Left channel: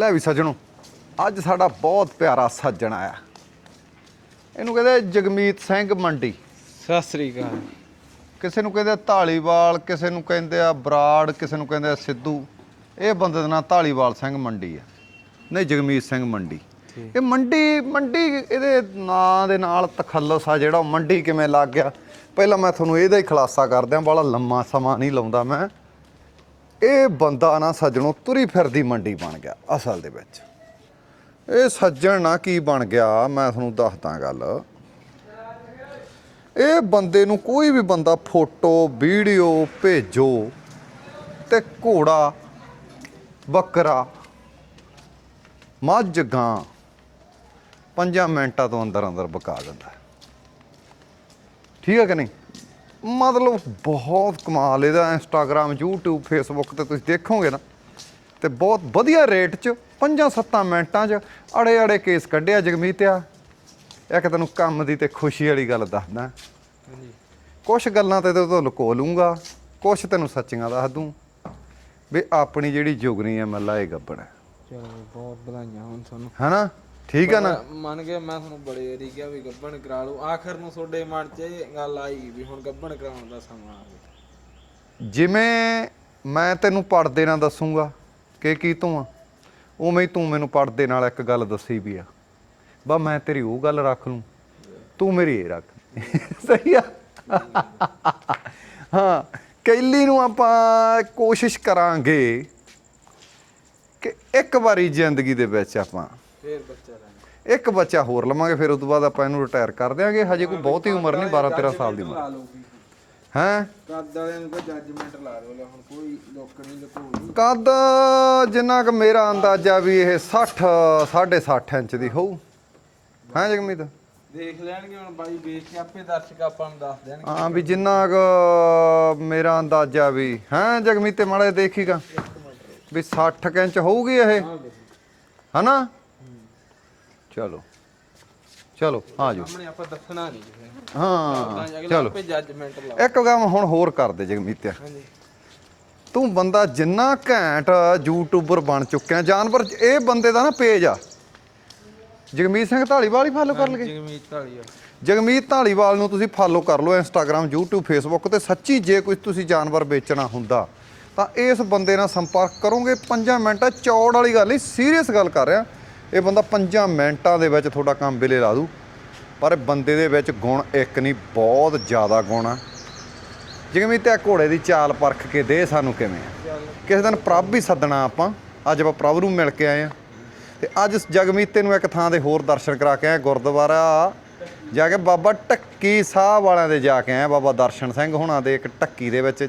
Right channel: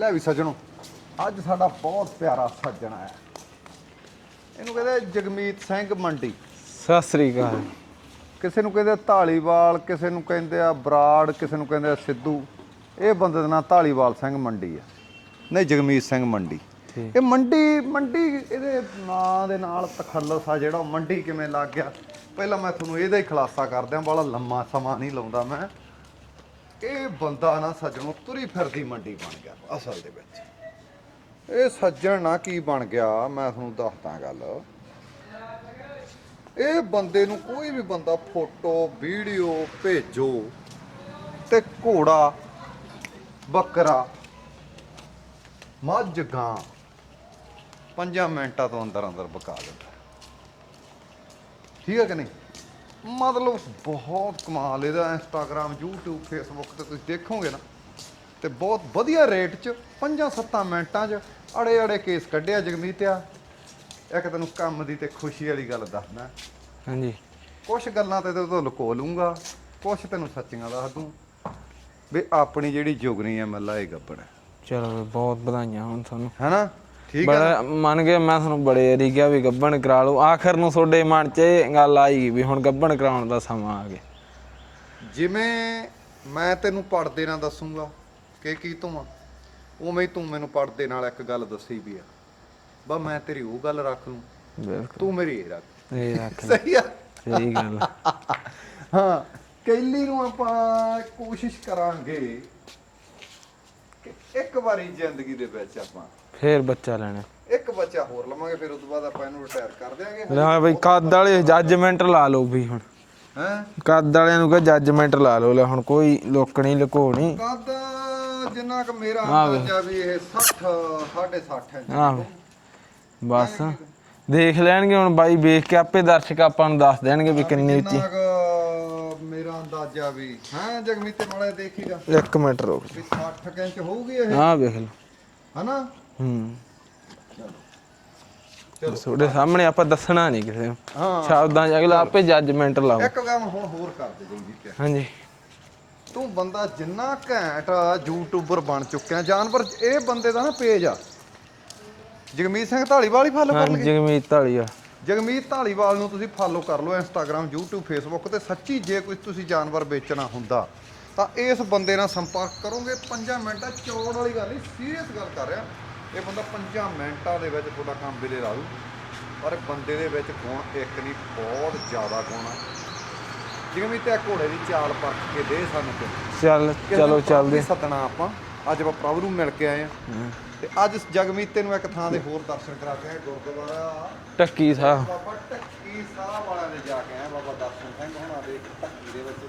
ਲੈ ਵੀ ਸੱਜਣੋ ਅੱਜ ਸਾਡਾ ਬਹੁਤ ਪਿਆਰਾ ਸੱਜਣ ਆਇਆ। ਇਹਨੂੰ ਕਹਿੰਦੇ ਜਗਮੀਤ ਸਿੰਘ ਮੰਡੀ। ਸਤਿ ਸ੍ਰੀ ਅਕਾਲ। ਕਿਸੇ ਨੂੰ ਕਹਿੰਦੇ ਢਾਲੀਵਾਲ ਕਿਸੇ ਨੂੰ ਕਹਿੰਦੇ ਆ ਬਰਾੜ ਕਿਸੇ ਨੂੰ ਕਹਿੰਦੇ ਆ ਸਿੱਧੂ। ਇਹ ਬੰਦੇ ਦਾ ਨਾਂ ਢਾਲੀਵਾਲ ਸਿੰਘ ਮੰਡੀ ਆ। ਨਹੀਂ ਜਗਮੀਤ ਸਿੰਘ ਮੰਡੀ। ਇਹ ਮੰਡੀ ਮੰਡੀ ਇਹਦੇ ਨਾਂ ਦੇ ਨਾਲ ਤਖੱਲਸ ਆ ਜਿਹੜਾ ਉਹ ਮੰਡੀ ਕਿਵੇਂ ਲੱਗ ਗਿਆ? ਪਹਿਲਾਂ ਮੈਂ ਤੁਹਾਨੂੰ ਇਹਦਾ ਹੀ ਖੁਲਾਸਾ ਕਰ ਦਿਆਂ ਬੜਾ ਲੰਮਾ ਸਮਾਂ ਨਹੀਂ ਲਾਉਂਦਾ ਮੈਂ। ਇਹ ਬੰਦਾ ਨਾ ਸੱਜਣੋਂ ਤੁਰੀ ਫਿਰਦੀ ਮੰਡੀ ਬਣ ਗਿਆ, ਅਸਲ ਦੇ ਵਿੱਚ। ਇਹ ਸੱਜਣ ਨਾ ਕੀ ਬਣ ਗਿਆ, ਮੈਂ ਤੁਹਾਨੂੰ ਦੱਸਦਾ ਗੱਲ। ਇਹ ਬੰਦੇ ਨੂੰ ਕੋਈ ਵੀ ਬੰਦਾ ਫੋਟੋ, ਵੀਡੀਓ, ਭੇਜੋ ਤੇ ਘੋੜਾ, ਬੱਕਰਾ, ਮੱਝ, ਗਾਂ ਪੰਜਾਂ ਮਿੰਟਾਂ ਤੋਂ ਅੰਦਰ ਅੰਦਰ ਬਕਾ ਦਿੰਦਾ। ਠੀਕ ਹੈ ਕਿ ਨਹੀਂ? ਮਤਲਬ ਬਹੁਤ ਕਮਾਲ ਇਹਦਾ ਇੰਸਟਾਗ੍ਰam YouTube Facebook ਤੇ ਤੁਸੀਂ ਦੇਖੋਗੇ ਨਾ ਤੇ ਬਹੁਤ ਵਧੀਆ ਰੇਟ 'ਚ 5-7 ਮਿੰਟਾਂ 'ਚ ਅੜੇ ਅੜੇ ਕੇਸ ਕੱਢਿਆ ਜਗਮੀਤਿਆ ਇੱਕ ਤੈਨੂੰ ਕੰਮ ਦੀ ਤੇ ਖੁਸ਼ੀ ਵਾਲੀ ਗੱਲ ਦੱਸਦਾ। ਹਾਂਜੀ। ਕੁਝ ਗੱਲਾਂ ਤੇ ਤੂੰ ਲੁਕੋ ਲੂੰਗਾ ਕੁਝ ਤੈਨੂੰ ਸੱਚੀਆਂ ਦੱਸ ਦੂੰ। ਵੀ ਆਪਣੀ ਜਿਹੜੀ ਜੁਗਨੀ ਆ ਮੱਲਾ ਇਹ ਗੱਬੜ। ਚਲੋ ਬਹੁਤ ਵਧਾਈਆਂ ਹੁਣ ਤੁਹਾਨੂੰ। ਹਨਾ? ਠੀਕ ਹੈ ਨਾ? ਮੰਨ ਕੇ ਮੈਂ ਤੁਹਾਨੂੰ ਬੜੇ ਵਾਰੀ ਕਿਹਾ ਵੀ ਗੱਬਣ ਕਰਾ ਲਓ। ਆਖਰ ਨੂੰ ਤੁਹਾਡੇ ਮਨ 'ਚ ਇਹ ਗੱਲ ਆਈ ਵੀ ਹੁਣ ਗੱਬਣ ਕਰਾਉਣ ਦਾ ਸਮਾਂ ਆ ਗਿਆ। ਜਿਵੇਂ ਮੈਂ ਤੈਨੂੰ ਪੜਦੇ ਨਾਲ ਦੱਸੂਗਾ ਕਿ ਕੀ ਤੂੰ ਆ? ਉਵੇਂ ਹੀ ਤੂੰ ਮੈਨੂੰ ਪੜਦੇ ਨਾਲ ਇੱਕ ਗੱਲ ਦੱਸੀ ਵੀ ਆ। ਬਾ ਮੈਂ ਤੇਰੀ ਉਹ ਗੱਲ ਰੱਖ ਲੂੰ। ਤੂੰ ਮੇਰੀ ਇਹ ਰੱਖ। ਇਹ ਰੱਖ ਸਹੀ ਆ? ਸਹੀ ਗੱਲ ਹਾਂ ਕੈਲੀ ਨੂੰ ਆਪਾਂ ਕੋਸ਼ਿਸ਼ ਕਰਾਂਗੇ ਕਿ ਇੱਕ ਵਾਰੀ ਜ਼ਿੰਦਗੀ ਦੇ ਵਿੱਚ ਆਪਾਂ ਫੇਰ ਬੱਚਾ ਲੈਣਾ। ਇੱਕ ਬੱਚਾ ਹੋਰ ਲਵਾਂਗੇ ਫਿਰ ਉਸ ਤੋਂ ਬਾਅਦ ਆਪਾਂ ਇਹਨੂੰ ਰਿਟਾਇਰ ਕਰ ਦਿਆਂਗੇ। ਹਜੇ ਹਾਂ ਕੋਈ ਬਹੁਤੀ ਕੱਦ ਉਮਰ ਵਾਲੇ ਜੱਜਮੈਂਟ ਲਾ ਲਓ ਵੀ ਹੁਣ। ਹੈ? ਕੱਦ ਵਾਲਿਆਂ ਨੂੰ ਕਹ ਜੱਜਮੈਂਟ ਲਾ ਲਓ ਲੈ ਹੁਣ ਕੋਈ ਲੋਕਣੀ ਲੁਕੋਣੀ ਕੱਦ ਜਿੰਨਾ ਕਿ ਮੇਰਾ ਅੰਦਾਜ਼ਾ ਵੀ ਇਹ 60 60 ਇੰਚ ਦੀ ਹੋਊ। ਹਾਂ ਬਸ ਜਗਮੀਤ? ਦੇਖ ਲੈਣਗੇ ਹੁਣ ਬਾਈ ਵੇਖ ਕੇ ਆਪੇ ਦਰਸ਼ਕ ਆਪਾਂ ਨੂੰ ਦੱਸ ਦੇਣਗੇ ਵੀ ਹਾਂ ਵੀ ਕਿੰਨੀ ਜਿੰਨਾ ਕੁ ਮੇਰਾ ਅੰਦਾਜ਼ਾ ਵੀ। ਹੈ ਜਗਮੀਤੇ ਮਾੜੇ ਦੇਖੀਗਾ। ਇੱਕ ਮਿੰਟ ਰੁਕ। ਵੀ 60 ਕੁ ਇੰਚ ਹੋਊਗੀ ਇਹ? ਹਾਂ ਵੇਖ ਲਓ। ਹਨਾ? ਹੂੰ। ਚਲੋ। ਚਲੋ ਤੁਹਾਡੇ ਸਾਹਮਣੇ ਆਪਾਂ ਦੱਸਣਾ ਨਹੀਂ ਕਿਸੇ ਨੂੰ। ਹਾਂ। ਸ਼ਬਦਾਂ ਚ ਅਗਲਾ ਆਪੇ ਜੱਜਮੈਂਟ ਲਾਓ ਇੱਕ ਕੰਮ ਹੁਣ ਹੋਰ ਕਰ ਦੇ ਜਗਮੀਤੇ ਹਾਂਜੀ। ਤੂੰ ਬੰਦਾ ਜਿੰਨਾ ਘੈਂਟ ਯੂਟਿਊਬਰ ਬਣ ਚੁੱਕਿਆ ਜਾਨਵਰ ਇਹ ਬੰਦੇ ਦਾ ਨਾ ਪੇਜ ਆ। ਜਗਮੀਤ ਸਿੰਘ ਢਾਲੀਵਾਲ ਹੀ ਫਾਲੋ ਕਰ ਲਗੇ ਜਗਮੀਤ ਢਾਲੀਆ ਜਗਮੀਤ ਢਾਲੀਵਾਲ ਨੂੰ ਤੁਸੀਂ ਫਾਲੋ ਕਰ ਲਓ ਇੰਸਟਾਗ੍ਰam YouTube Facebook ਤੇ। ਸੱਚੀ ਜੇ ਕੋਈ ਤੁਸੀਂ ਜਾਨਵਰ ਵੇਚਣਾ ਹੁੰਦਾ ਤਾਂ ਇਸ ਬੰਦੇ ਨਾਲ ਸੰਪਰਕ ਕਰੋਗੇ। 5 ਮਿੰਟਾਂ ਚੌੜ ਵਾਲੀ ਗੱਲ ਨਹੀਂ ਸੀਰੀਅਸ ਗੱਲ ਕਰ ਰਿਹਾ। ਇਹ ਬੰਦਾ 5 ਮਿੰਟਾਂ ਦੇ ਵਿੱਚ ਤੁਹਾਡਾ ਕੰਮ ਬਿਲੇ ਲਾ ਦੂ। ਪਰ ਬੰਦੇ ਦੇ ਵਿੱਚ ਗੁਣ ਇੱਕ ਨਹੀਂ ਬਹੁਤ ਜ਼ਿਆਦਾ ਗੁਣ ਆ। ਜਗਮੀਤ ਇਹ ਘੋੜੇ ਦੀ ਚਾਲ ਪਰਖ ਕੇ ਦੇ ਸਾਨੂੰ ਕਿਵੇਂ? ਚੱਲ ਕਿਸੇ ਦਿਨ ਪ੍ਰਭ ਵੀ ਸੱਦਣਾ ਆਪਾਂ। ਅੱਜ ਆਪਾਂ ਪ੍ਰਭ ਨੂੰ ਮਿਲ ਕੇ ਆਏ ਆ। ਤੇ ਅੱਜ ਜਗਮੀਤੇ ਨੂੰ ਇੱਕ ਥਾਂ ਦੇ ਹੋਰ ਦਰਸ਼ਨ ਕਰਾ ਕੇ ਆਏ ਗੁਰਦੁਆਰਾ। ਟੱਕੀ ਜਾ ਕੇ ਬਾਬਾ ਟੱਕੀ ਸਾਹਿਬ ਵਾਲਿਆਂ ਦੇ ਜਾ ਕੇ ਆਏ ਬਾਬਾ ਦਰਸ਼ਨ ਸਿੰਘ ਹੁਣਾਂ ਦੇ ਇੱਕ ਟੱਕੀ ਦੇ ਵਿੱਚ।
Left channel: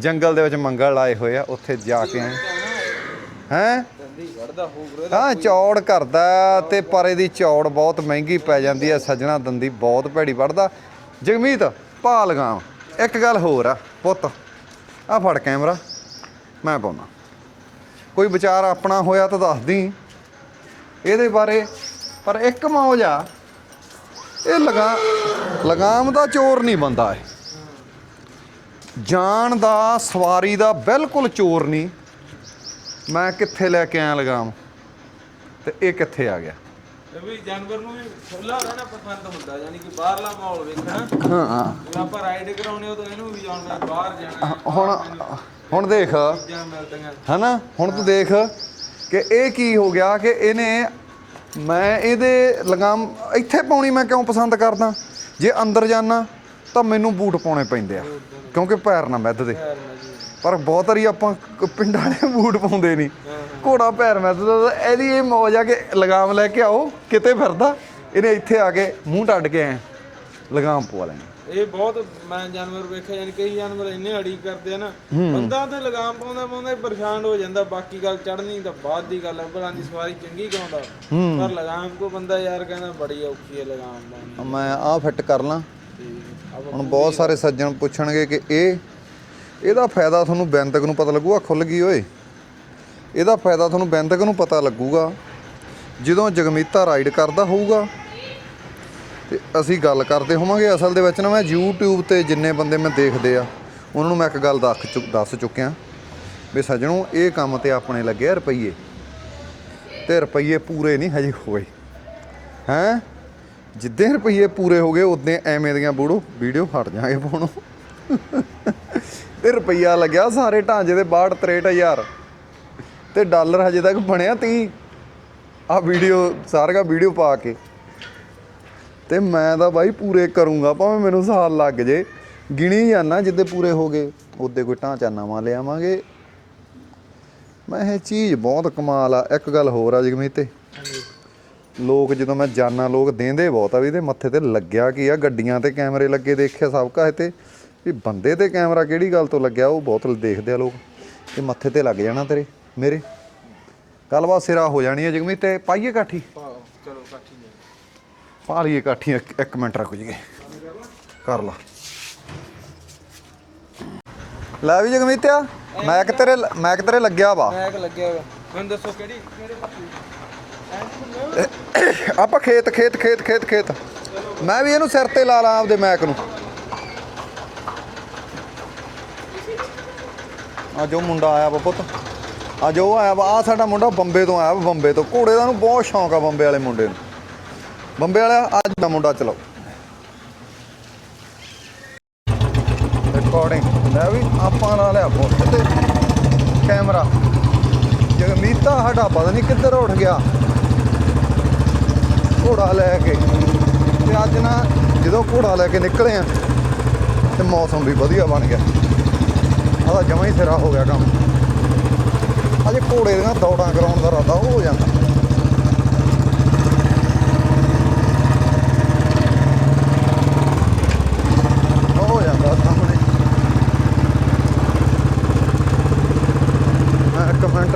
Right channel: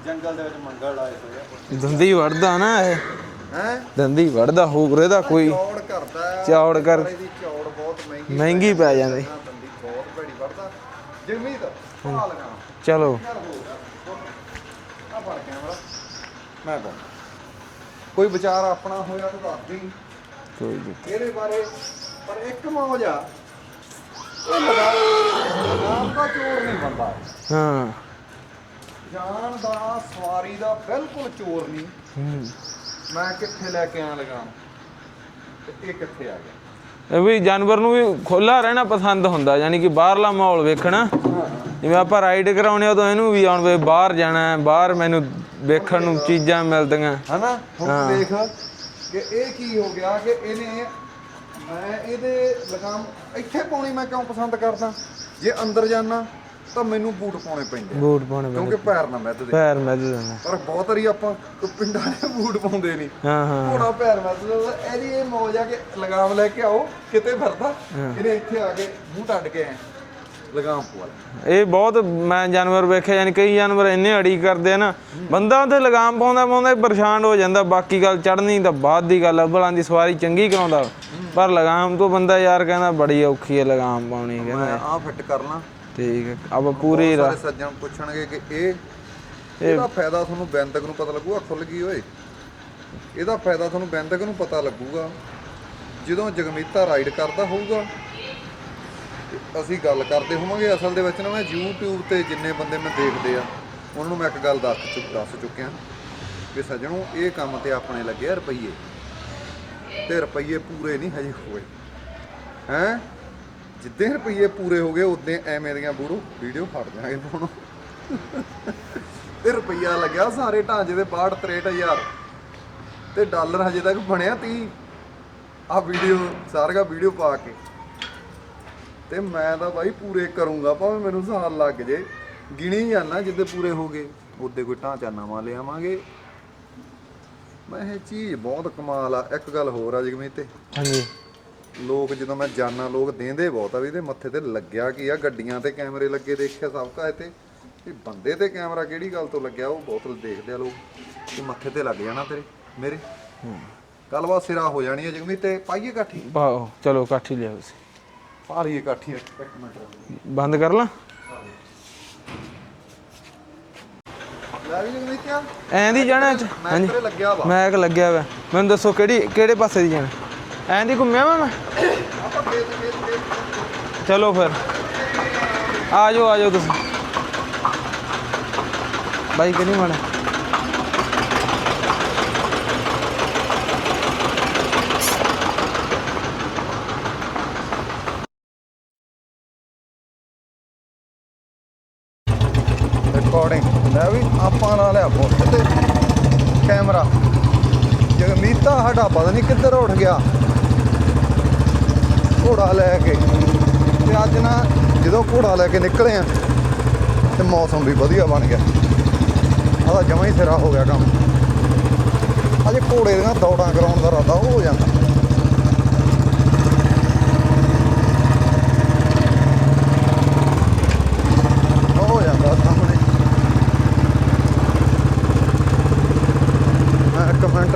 ਜੰਗਲ ਦੇ ਵਿੱਚ ਮੰਗਲ ਲਾਏ ਹੋਏ ਆ ਉੱਥੇ ਜਾ ਕੇ ਵੜਦਾ ਨਾ ਇਹ। ਹੈ? ਦੰਦੀ ਵੜਦਾ ਹੋਊ ਦਾ ਹਾਂ ਕੋਈ ਚੌੜ ਕਰਦਾ ਤੇ ਪਰ ਇਹਦੀ ਚੌੜ ਬਹੁਤ ਮਹਿੰਗੀ ਪੈ ਜਾਂਦੀ ਹੈ। ਸੱਜਣਾ ਦੰਦੀ ਬਹੁਤ ਭੈੜੀ ਵੜਦਾ ਜਗਮੀਤ ਪਾ ਲਗਾਮ। ਇੱਕ ਗੱਲ ਹੋਰ ਆ ਪੁੱਤ। ਆ ਫੜ ਕੈਮਰਾ ਮੈਂ ਪਾਉਣਾ। ਕੋਈ ਵਿਚਾਰ ਆਪਣਾ ਹੋਇਆ ਤਾਂ ਦੱਸ ਦੀ। ਇਹਦੇ ਬਾਰੇ ਪਰ ਇੱਕ ਮੌਜ ਆ। ਇਹ ਲਗਾ ਲਗਾਮ ਦਾ ਚੋਰ ਨਹੀਂ ਬੰਦਾ ਇਹ। ਹਾਂ। ਜਾਨ ਦਾ ਸਵਾਰੀ ਦਾ ਬਿਲਕੁਲ ਚੋਰ ਨਹੀਂ। ਮੈਂ ਕਿੱਥੇ ਲੈ ਕੇ ਆਇਆ ਲਗਾਮ? ਤੇ ਇਹ ਕਿੱਥੇ ਆ ਗਿਆ? ਵੀ ਜਾਨਵਰ ਨੂੰ ਵੀ ਖੋਲਾ ਰਹਿਣਾ ਪਸੰਦ ਹੁੰਦਾ ਯਾਨੀ ਕਿ ਬਾਹਰਲਾ ਮਾਹੌਲ ਵੇਖਣਾ। ਹਾਂ ਜਿਵੇਂ ਆਪਾਂ ਰਾਈਡ ਕਰਾਉਣੇ ਉਦੋਂ ਇਹਨੂੰ ਵੀ ਆਉਣ ਵੇ ਬਾਹਰ ਜਾਣਾ ਹੈ ਬਾਹਰ ਮੈਨੂੰ ਵੇਖਣ ਨੂੰ। ਚੀਜ਼ਾਂ ਮਿਲਦੀਆਂ। ਹਨਾ? ਹੁਣ ਤੂੰ ਦੇਖ ਕਿ ਇਹ ਕੀ ਹੋ ਗਿਆ ਕਿ ਇਹਨੇ ਮੈਂ ਇਹਦੇ ਲਗਾਮ ਇੱਥੇ ਪਾਉਣੀ ਮੈਂ ਕਿਉਂ ਪਸੰਦ ਕਰਦਾ? ਜੇ ਅੰਦਰ ਜਾਣਾ ਤਾਂ ਮੈਨੂੰ ਬੂਟ ਪਾਉਣੇ ਪੈਂਦੇ ਆ। ਬੂਟ ਪਾਉਣੇ ਕਿਉਂਕਿ ਪੈਰ ਨਾ ਮਿੱਧ ਦੇ ਪੈਰ ਮਿਲ ਜਾਂਦੇ ਪਰ ਬਹੁਤ ਵਾਰੀ ਆਪਾਂ ਪਿੰਡਾਂ ਵਾਲੇ ਬੂਟ ਪਾਉਂਦੇ ਨਹੀਂ ਹਾਂ ਹਾਂ। ਘੋੜਾ ਪੈਰ ਮਿੱਧਦਾ ਇਹਦੀ ਇਹ ਮੌਜ ਆ ਕਿ ਲਗਾਮ ਲੈ ਕੇ ਆਓ ਕਿਤੇ ਫਿਰਦਾ ਇਹਨੇ ਇੱਥੇ ਆ ਕੇ ਮੂੰਹ ਟੱਡ ਕੇ ਐ ਲਗਾਮ ਪਵਾ ਲੈਣਾ। ਇਹ ਬਹੁਤ ਮੈਂ ਜਾਨਵਰ ਵੇਖਿਆ ਯਾਨੀ ਕਈ ਜਾਨਵਰ ਇੰਨੇ ਅੜੀ ਕਰਦੇ ਆ ਨਾ ਬੰਦਾ ਤੇ ਲਗਾਮ ਪਾਉਂਦਾ ਪਾਉਂਦਾ ਹੀ ਪਰੇਸ਼ਾਨ ਹੋ ਜਾਂਦਾ। ਬਾਕੀ ਗੱਲ ਚੜਨੀ ਤਾਂ ਬਾਅਦ ਦੀ ਗੱਲ ਆ ਬਲਾਂ ਦੀ ਸਵਾਰੀ ਚੰਗੀ ਕਰਾਉਂਦਾ। ਪਰ ਲਗਾਮ ਤੋਂ ਬੰਦਾ ਯਾਰ ਕਹਿੰਦਾ ਬੜੀ ਔਖੀ ਹੈ ਲਗਾਮ ਪਾਉਣੀ। ਮੈਂ ਆਹ ਫਿੱਟ ਕਰ ਲਾਂ। ਠੀਕ ਹੈ। ਆਪਾਂ ਹੁਣ ਪੂਰੀ ਬਹੁਤ ਸਾਰੇ ਸੱਜਣ ਪੁੱਛਣਗੇ ਕਿ ਇਹ ਇਹਦਾ ਫਾਇਦਾ ਤੁਹਾਨੂੰ ਬੈਂਤਕ ਨੂੰ ਪਤਾ ਲੱਗੂਗਾ ਖੁੱਲ ਗਈ ਓਏ। ਇਹਦਾ ਫਾਇਦਾ ਤੁਹਾਨੂੰ ਬੈਂਤਕ ਨੂੰ ਪਤਾ ਲੱਗੂਗਾ ਜਦੋਂ ਜਗਮੀਤਾ ਰਾਈਡ ਕਰਦਾ ਹੋਊਗਾ। ਤੇ ਅਸੀਂ ਗੱਲ ਕਰਦੇ ਹੋਵਾਂਗੇ ਅਸਲ ਦੇ ਵਿੱਚ ਨਾ ਮੈਂ YouTube ਤੇ ਜਿੰਨੇ ਬੰਦੇ ਮੈਂ ਦੇਖਦੇ ਆ ਉਹਨਾਂ ਨੂੰ ਮੈਂ ਇੱਕ ਗੱਲ ਦੱਸ ਚੁੱਕ ਦੱਸ ਚੁੱਕਿਆ ਵੀ ਸੱਜਣੋ ਇਹ ਕੰਮ ਤੇ ਆਪਣੇ ਲੱਗੇ ਰੁਪਈਏ। ਤੇ ਰੁਪਈਏ ਪੂਰੇ ਨਹੀਂ ਹਜੇ ਹੋਏ। ਹੈ? ਜਿੱਦੇ ਰੁਪਈਏ ਪੂਰੇ ਹੋ ਗਏ ਉਦੋਂ ਐਵੇਂ ਦੀਆਂ ਬੂੜੋ। ਵੀਡੀਓ ਫੜ ਜਾਾਂਗੇ ਫੋਨ ਤੇ ਰੁਪਈਆ ਲੱਗਿਆ ਸਾਰੇ ਢਾਂਚੇ ਦੇ 62 63000 ਤੇ ਡਾਲਰ ਹਜੇ ਤੱਕ ਬਣਿਆ 30 ਆ ਵੀਡੀਓ, ਸਾਰੀਆਂ ਵੀਡੀਓ ਪਾ ਕੇ। ਤੇ ਮੈਂ ਤਾਂ ਬਾਈ ਪੂਰੇ ਕਰੂੰਗਾ, ਭਾਵੇਂ ਮੈਨੂੰ ਸਾਲ ਲੱਗ ਜੇ। ਗਿਣੀ ਜਾਣਾ ਜਿੱਦੇ ਪੂਰੇ ਹੋ ਗਏ। ਉਹਦੇ ਕੋਈ ਢਾਂਚਾ ਨਵਾਂ ਲਿਆਵਾਂਗੇ। ਮੈਂ ਇਹ ਚੀਜ਼ ਬਹੁਤ ਕਮਾਲ ਆ। ਇੱਕ ਗੱਲ ਹੋਰ ਆ ਜਗਮੀਤ ਤੇ। ਹਾਂਜੀ। ਲੋਕ ਜਦੋਂ ਮੈਂ ਜਾਣਾ ਲੋਕ ਦੇਂਦੇ ਬਹੁਤ ਆ ਵੀ ਇਹਦੇ ਮੱਥੇ ਤੇ ਲੱਗਿਆ ਕੀ ਆ ਗੱਡੀਆਂ ਤੇ ਕੈਮਰੇ ਲੱਗੇ ਦੇਖਿਆ ਸਭ ਕਾ ਤੇ। ਵੀ ਬੰਦੇ ਤੇ ਕੈਮਰਾ ਕਿਹੜੀ ਗੱਲ ਤੋਂ ਲੱਗਿਆ ਉਹ ਬਹੁਤ ਦੇਖਦੇ ਆ ਲੋਕ। ਇਹ ਮੱਥੇ ਤੇ ਲੱਗ ਜਾਣਾ ਤੇਰੇ ਮੇਰੇ। ਗੱਲਬਾਤ ਸਿਰਾ ਹੋ ਜਾਣੀ ਹੈ ਜਗਮੀਤ ਤੇ ਪਾਈਏ ਕਾਠੀ? ਪਾਓ ਚਲੋ ਕਾਠੀ ਲਿਆਓ ਤੁਸੀਂ। ਪਾ ਲਈਏ ਕਾਠੀ ਇੱਕ- ਮਿੰਟ ਰੱਖ ਜੀਏ ਬੰਦ ਕਰ ਲਾਂ। ਕਰ ਲਾ। ਲੈ ਵੀ ਜਗਮੀਤ ਆ ਐਂ ਮੈਂ ਤੇਰੇ। ਮੈਂ ਤੇਰੇ ਲੱਗਿਆ ਵਾ। ਮੈਂ ਕਿ ਲੱਗਿਆ ਹੋਇਆ ਮੈਨੂੰ ਦੱਸੋ ਕਿਹੜੀ ਕਿਹੜੇ ਪਾਸੇ ਦੀ ਜਾਣਾ? ਐਂ ਦੀ ਘੁੰਮਿਆ ਵਾ ਆਪਾਂ ਖੇਤ ਖੇਤ ਖੇਤ ਖੇਤ ਖੇਤ। ਚਲੋ ਫਿਰ। ਮੈਂ ਵੀ ਇਹਨੂੰ ਸਿਰ ਤੇ ਲਾ ਲਾ ਆਪਦੇ ਮੈਂ ਆ ਜਾਓ ਆ ਜਾਓ ਤੁਸੀਂ। ਬਾਈ ਕਿਹੜੀ ਮਾੜਾ ਅੱਜ ਉਹ ਮੁੰਡਾ ਆਇਆ ਪੁੱਤ। ਅੱਜ ਉਹ ਆਇਆ ਵਾ ਆਹ ਸਾਡਾ ਮੁੰਡਾ ਬੰਬੇ ਤੋਂ ਆਇਆ ਵਾ ਬੰਬੇ ਤੋਂ। ਘੋੜੇ ਦਾ ਬਹੁਤ ਸ਼ੌਂਕ ਆ ਬੰਬੇ ਵਾਲੇ ਮੁੰਡੇ ਨੂੰ। ਬੰਬੇ ਵਾਲਾ ਅੱਜ ਦਾ ਮੁੰਡਾ ਚਲਾਓ। ਰਿਕਾਰਡਿੰਗ ਲੈ ਵੀ ਆਪਾਂ ਲਾ ਲਿਆ ਬੁੱਤ ਤੇ ਕੈਮਰਾ। ਜਗਮੀਤਾ ਸਾਡਾ ਪਤਾ ਨਹੀਂ ਕਿੱਧਰ ਉੱਠ ਗਿਆ। ਘੋੜਾ ਲੈ ਕੇ। ਤੇ ਅੱਜ ਨਾ ਜਦੋਂ ਘੋੜਾ ਲੈ ਕੇ ਨਿਕਲੇ ਆ, ਤੇ ਮੌਸਮ ਵੀ ਵਧੀਆ ਬਣ ਗਿਆ। ਆਦਾ ਜਮਾ ਹੀ ਸਿਰਾ ਹੋ ਗਿਆ ਕੰਮ। ਅਜੇ ਘੋੜੇ ਦੀਆਂ ਦੌੜਾਂ ਕਰਾਉਣ ਦਾ ਰਾਦਾ ਉਹ ਹੋ ਜਾਂਦਾ। ਹੋ ਜਾਂਦਾ ਸਾਹਮਣੇ। ਮੈਂ ਇੱਕ ਮਿੰਟ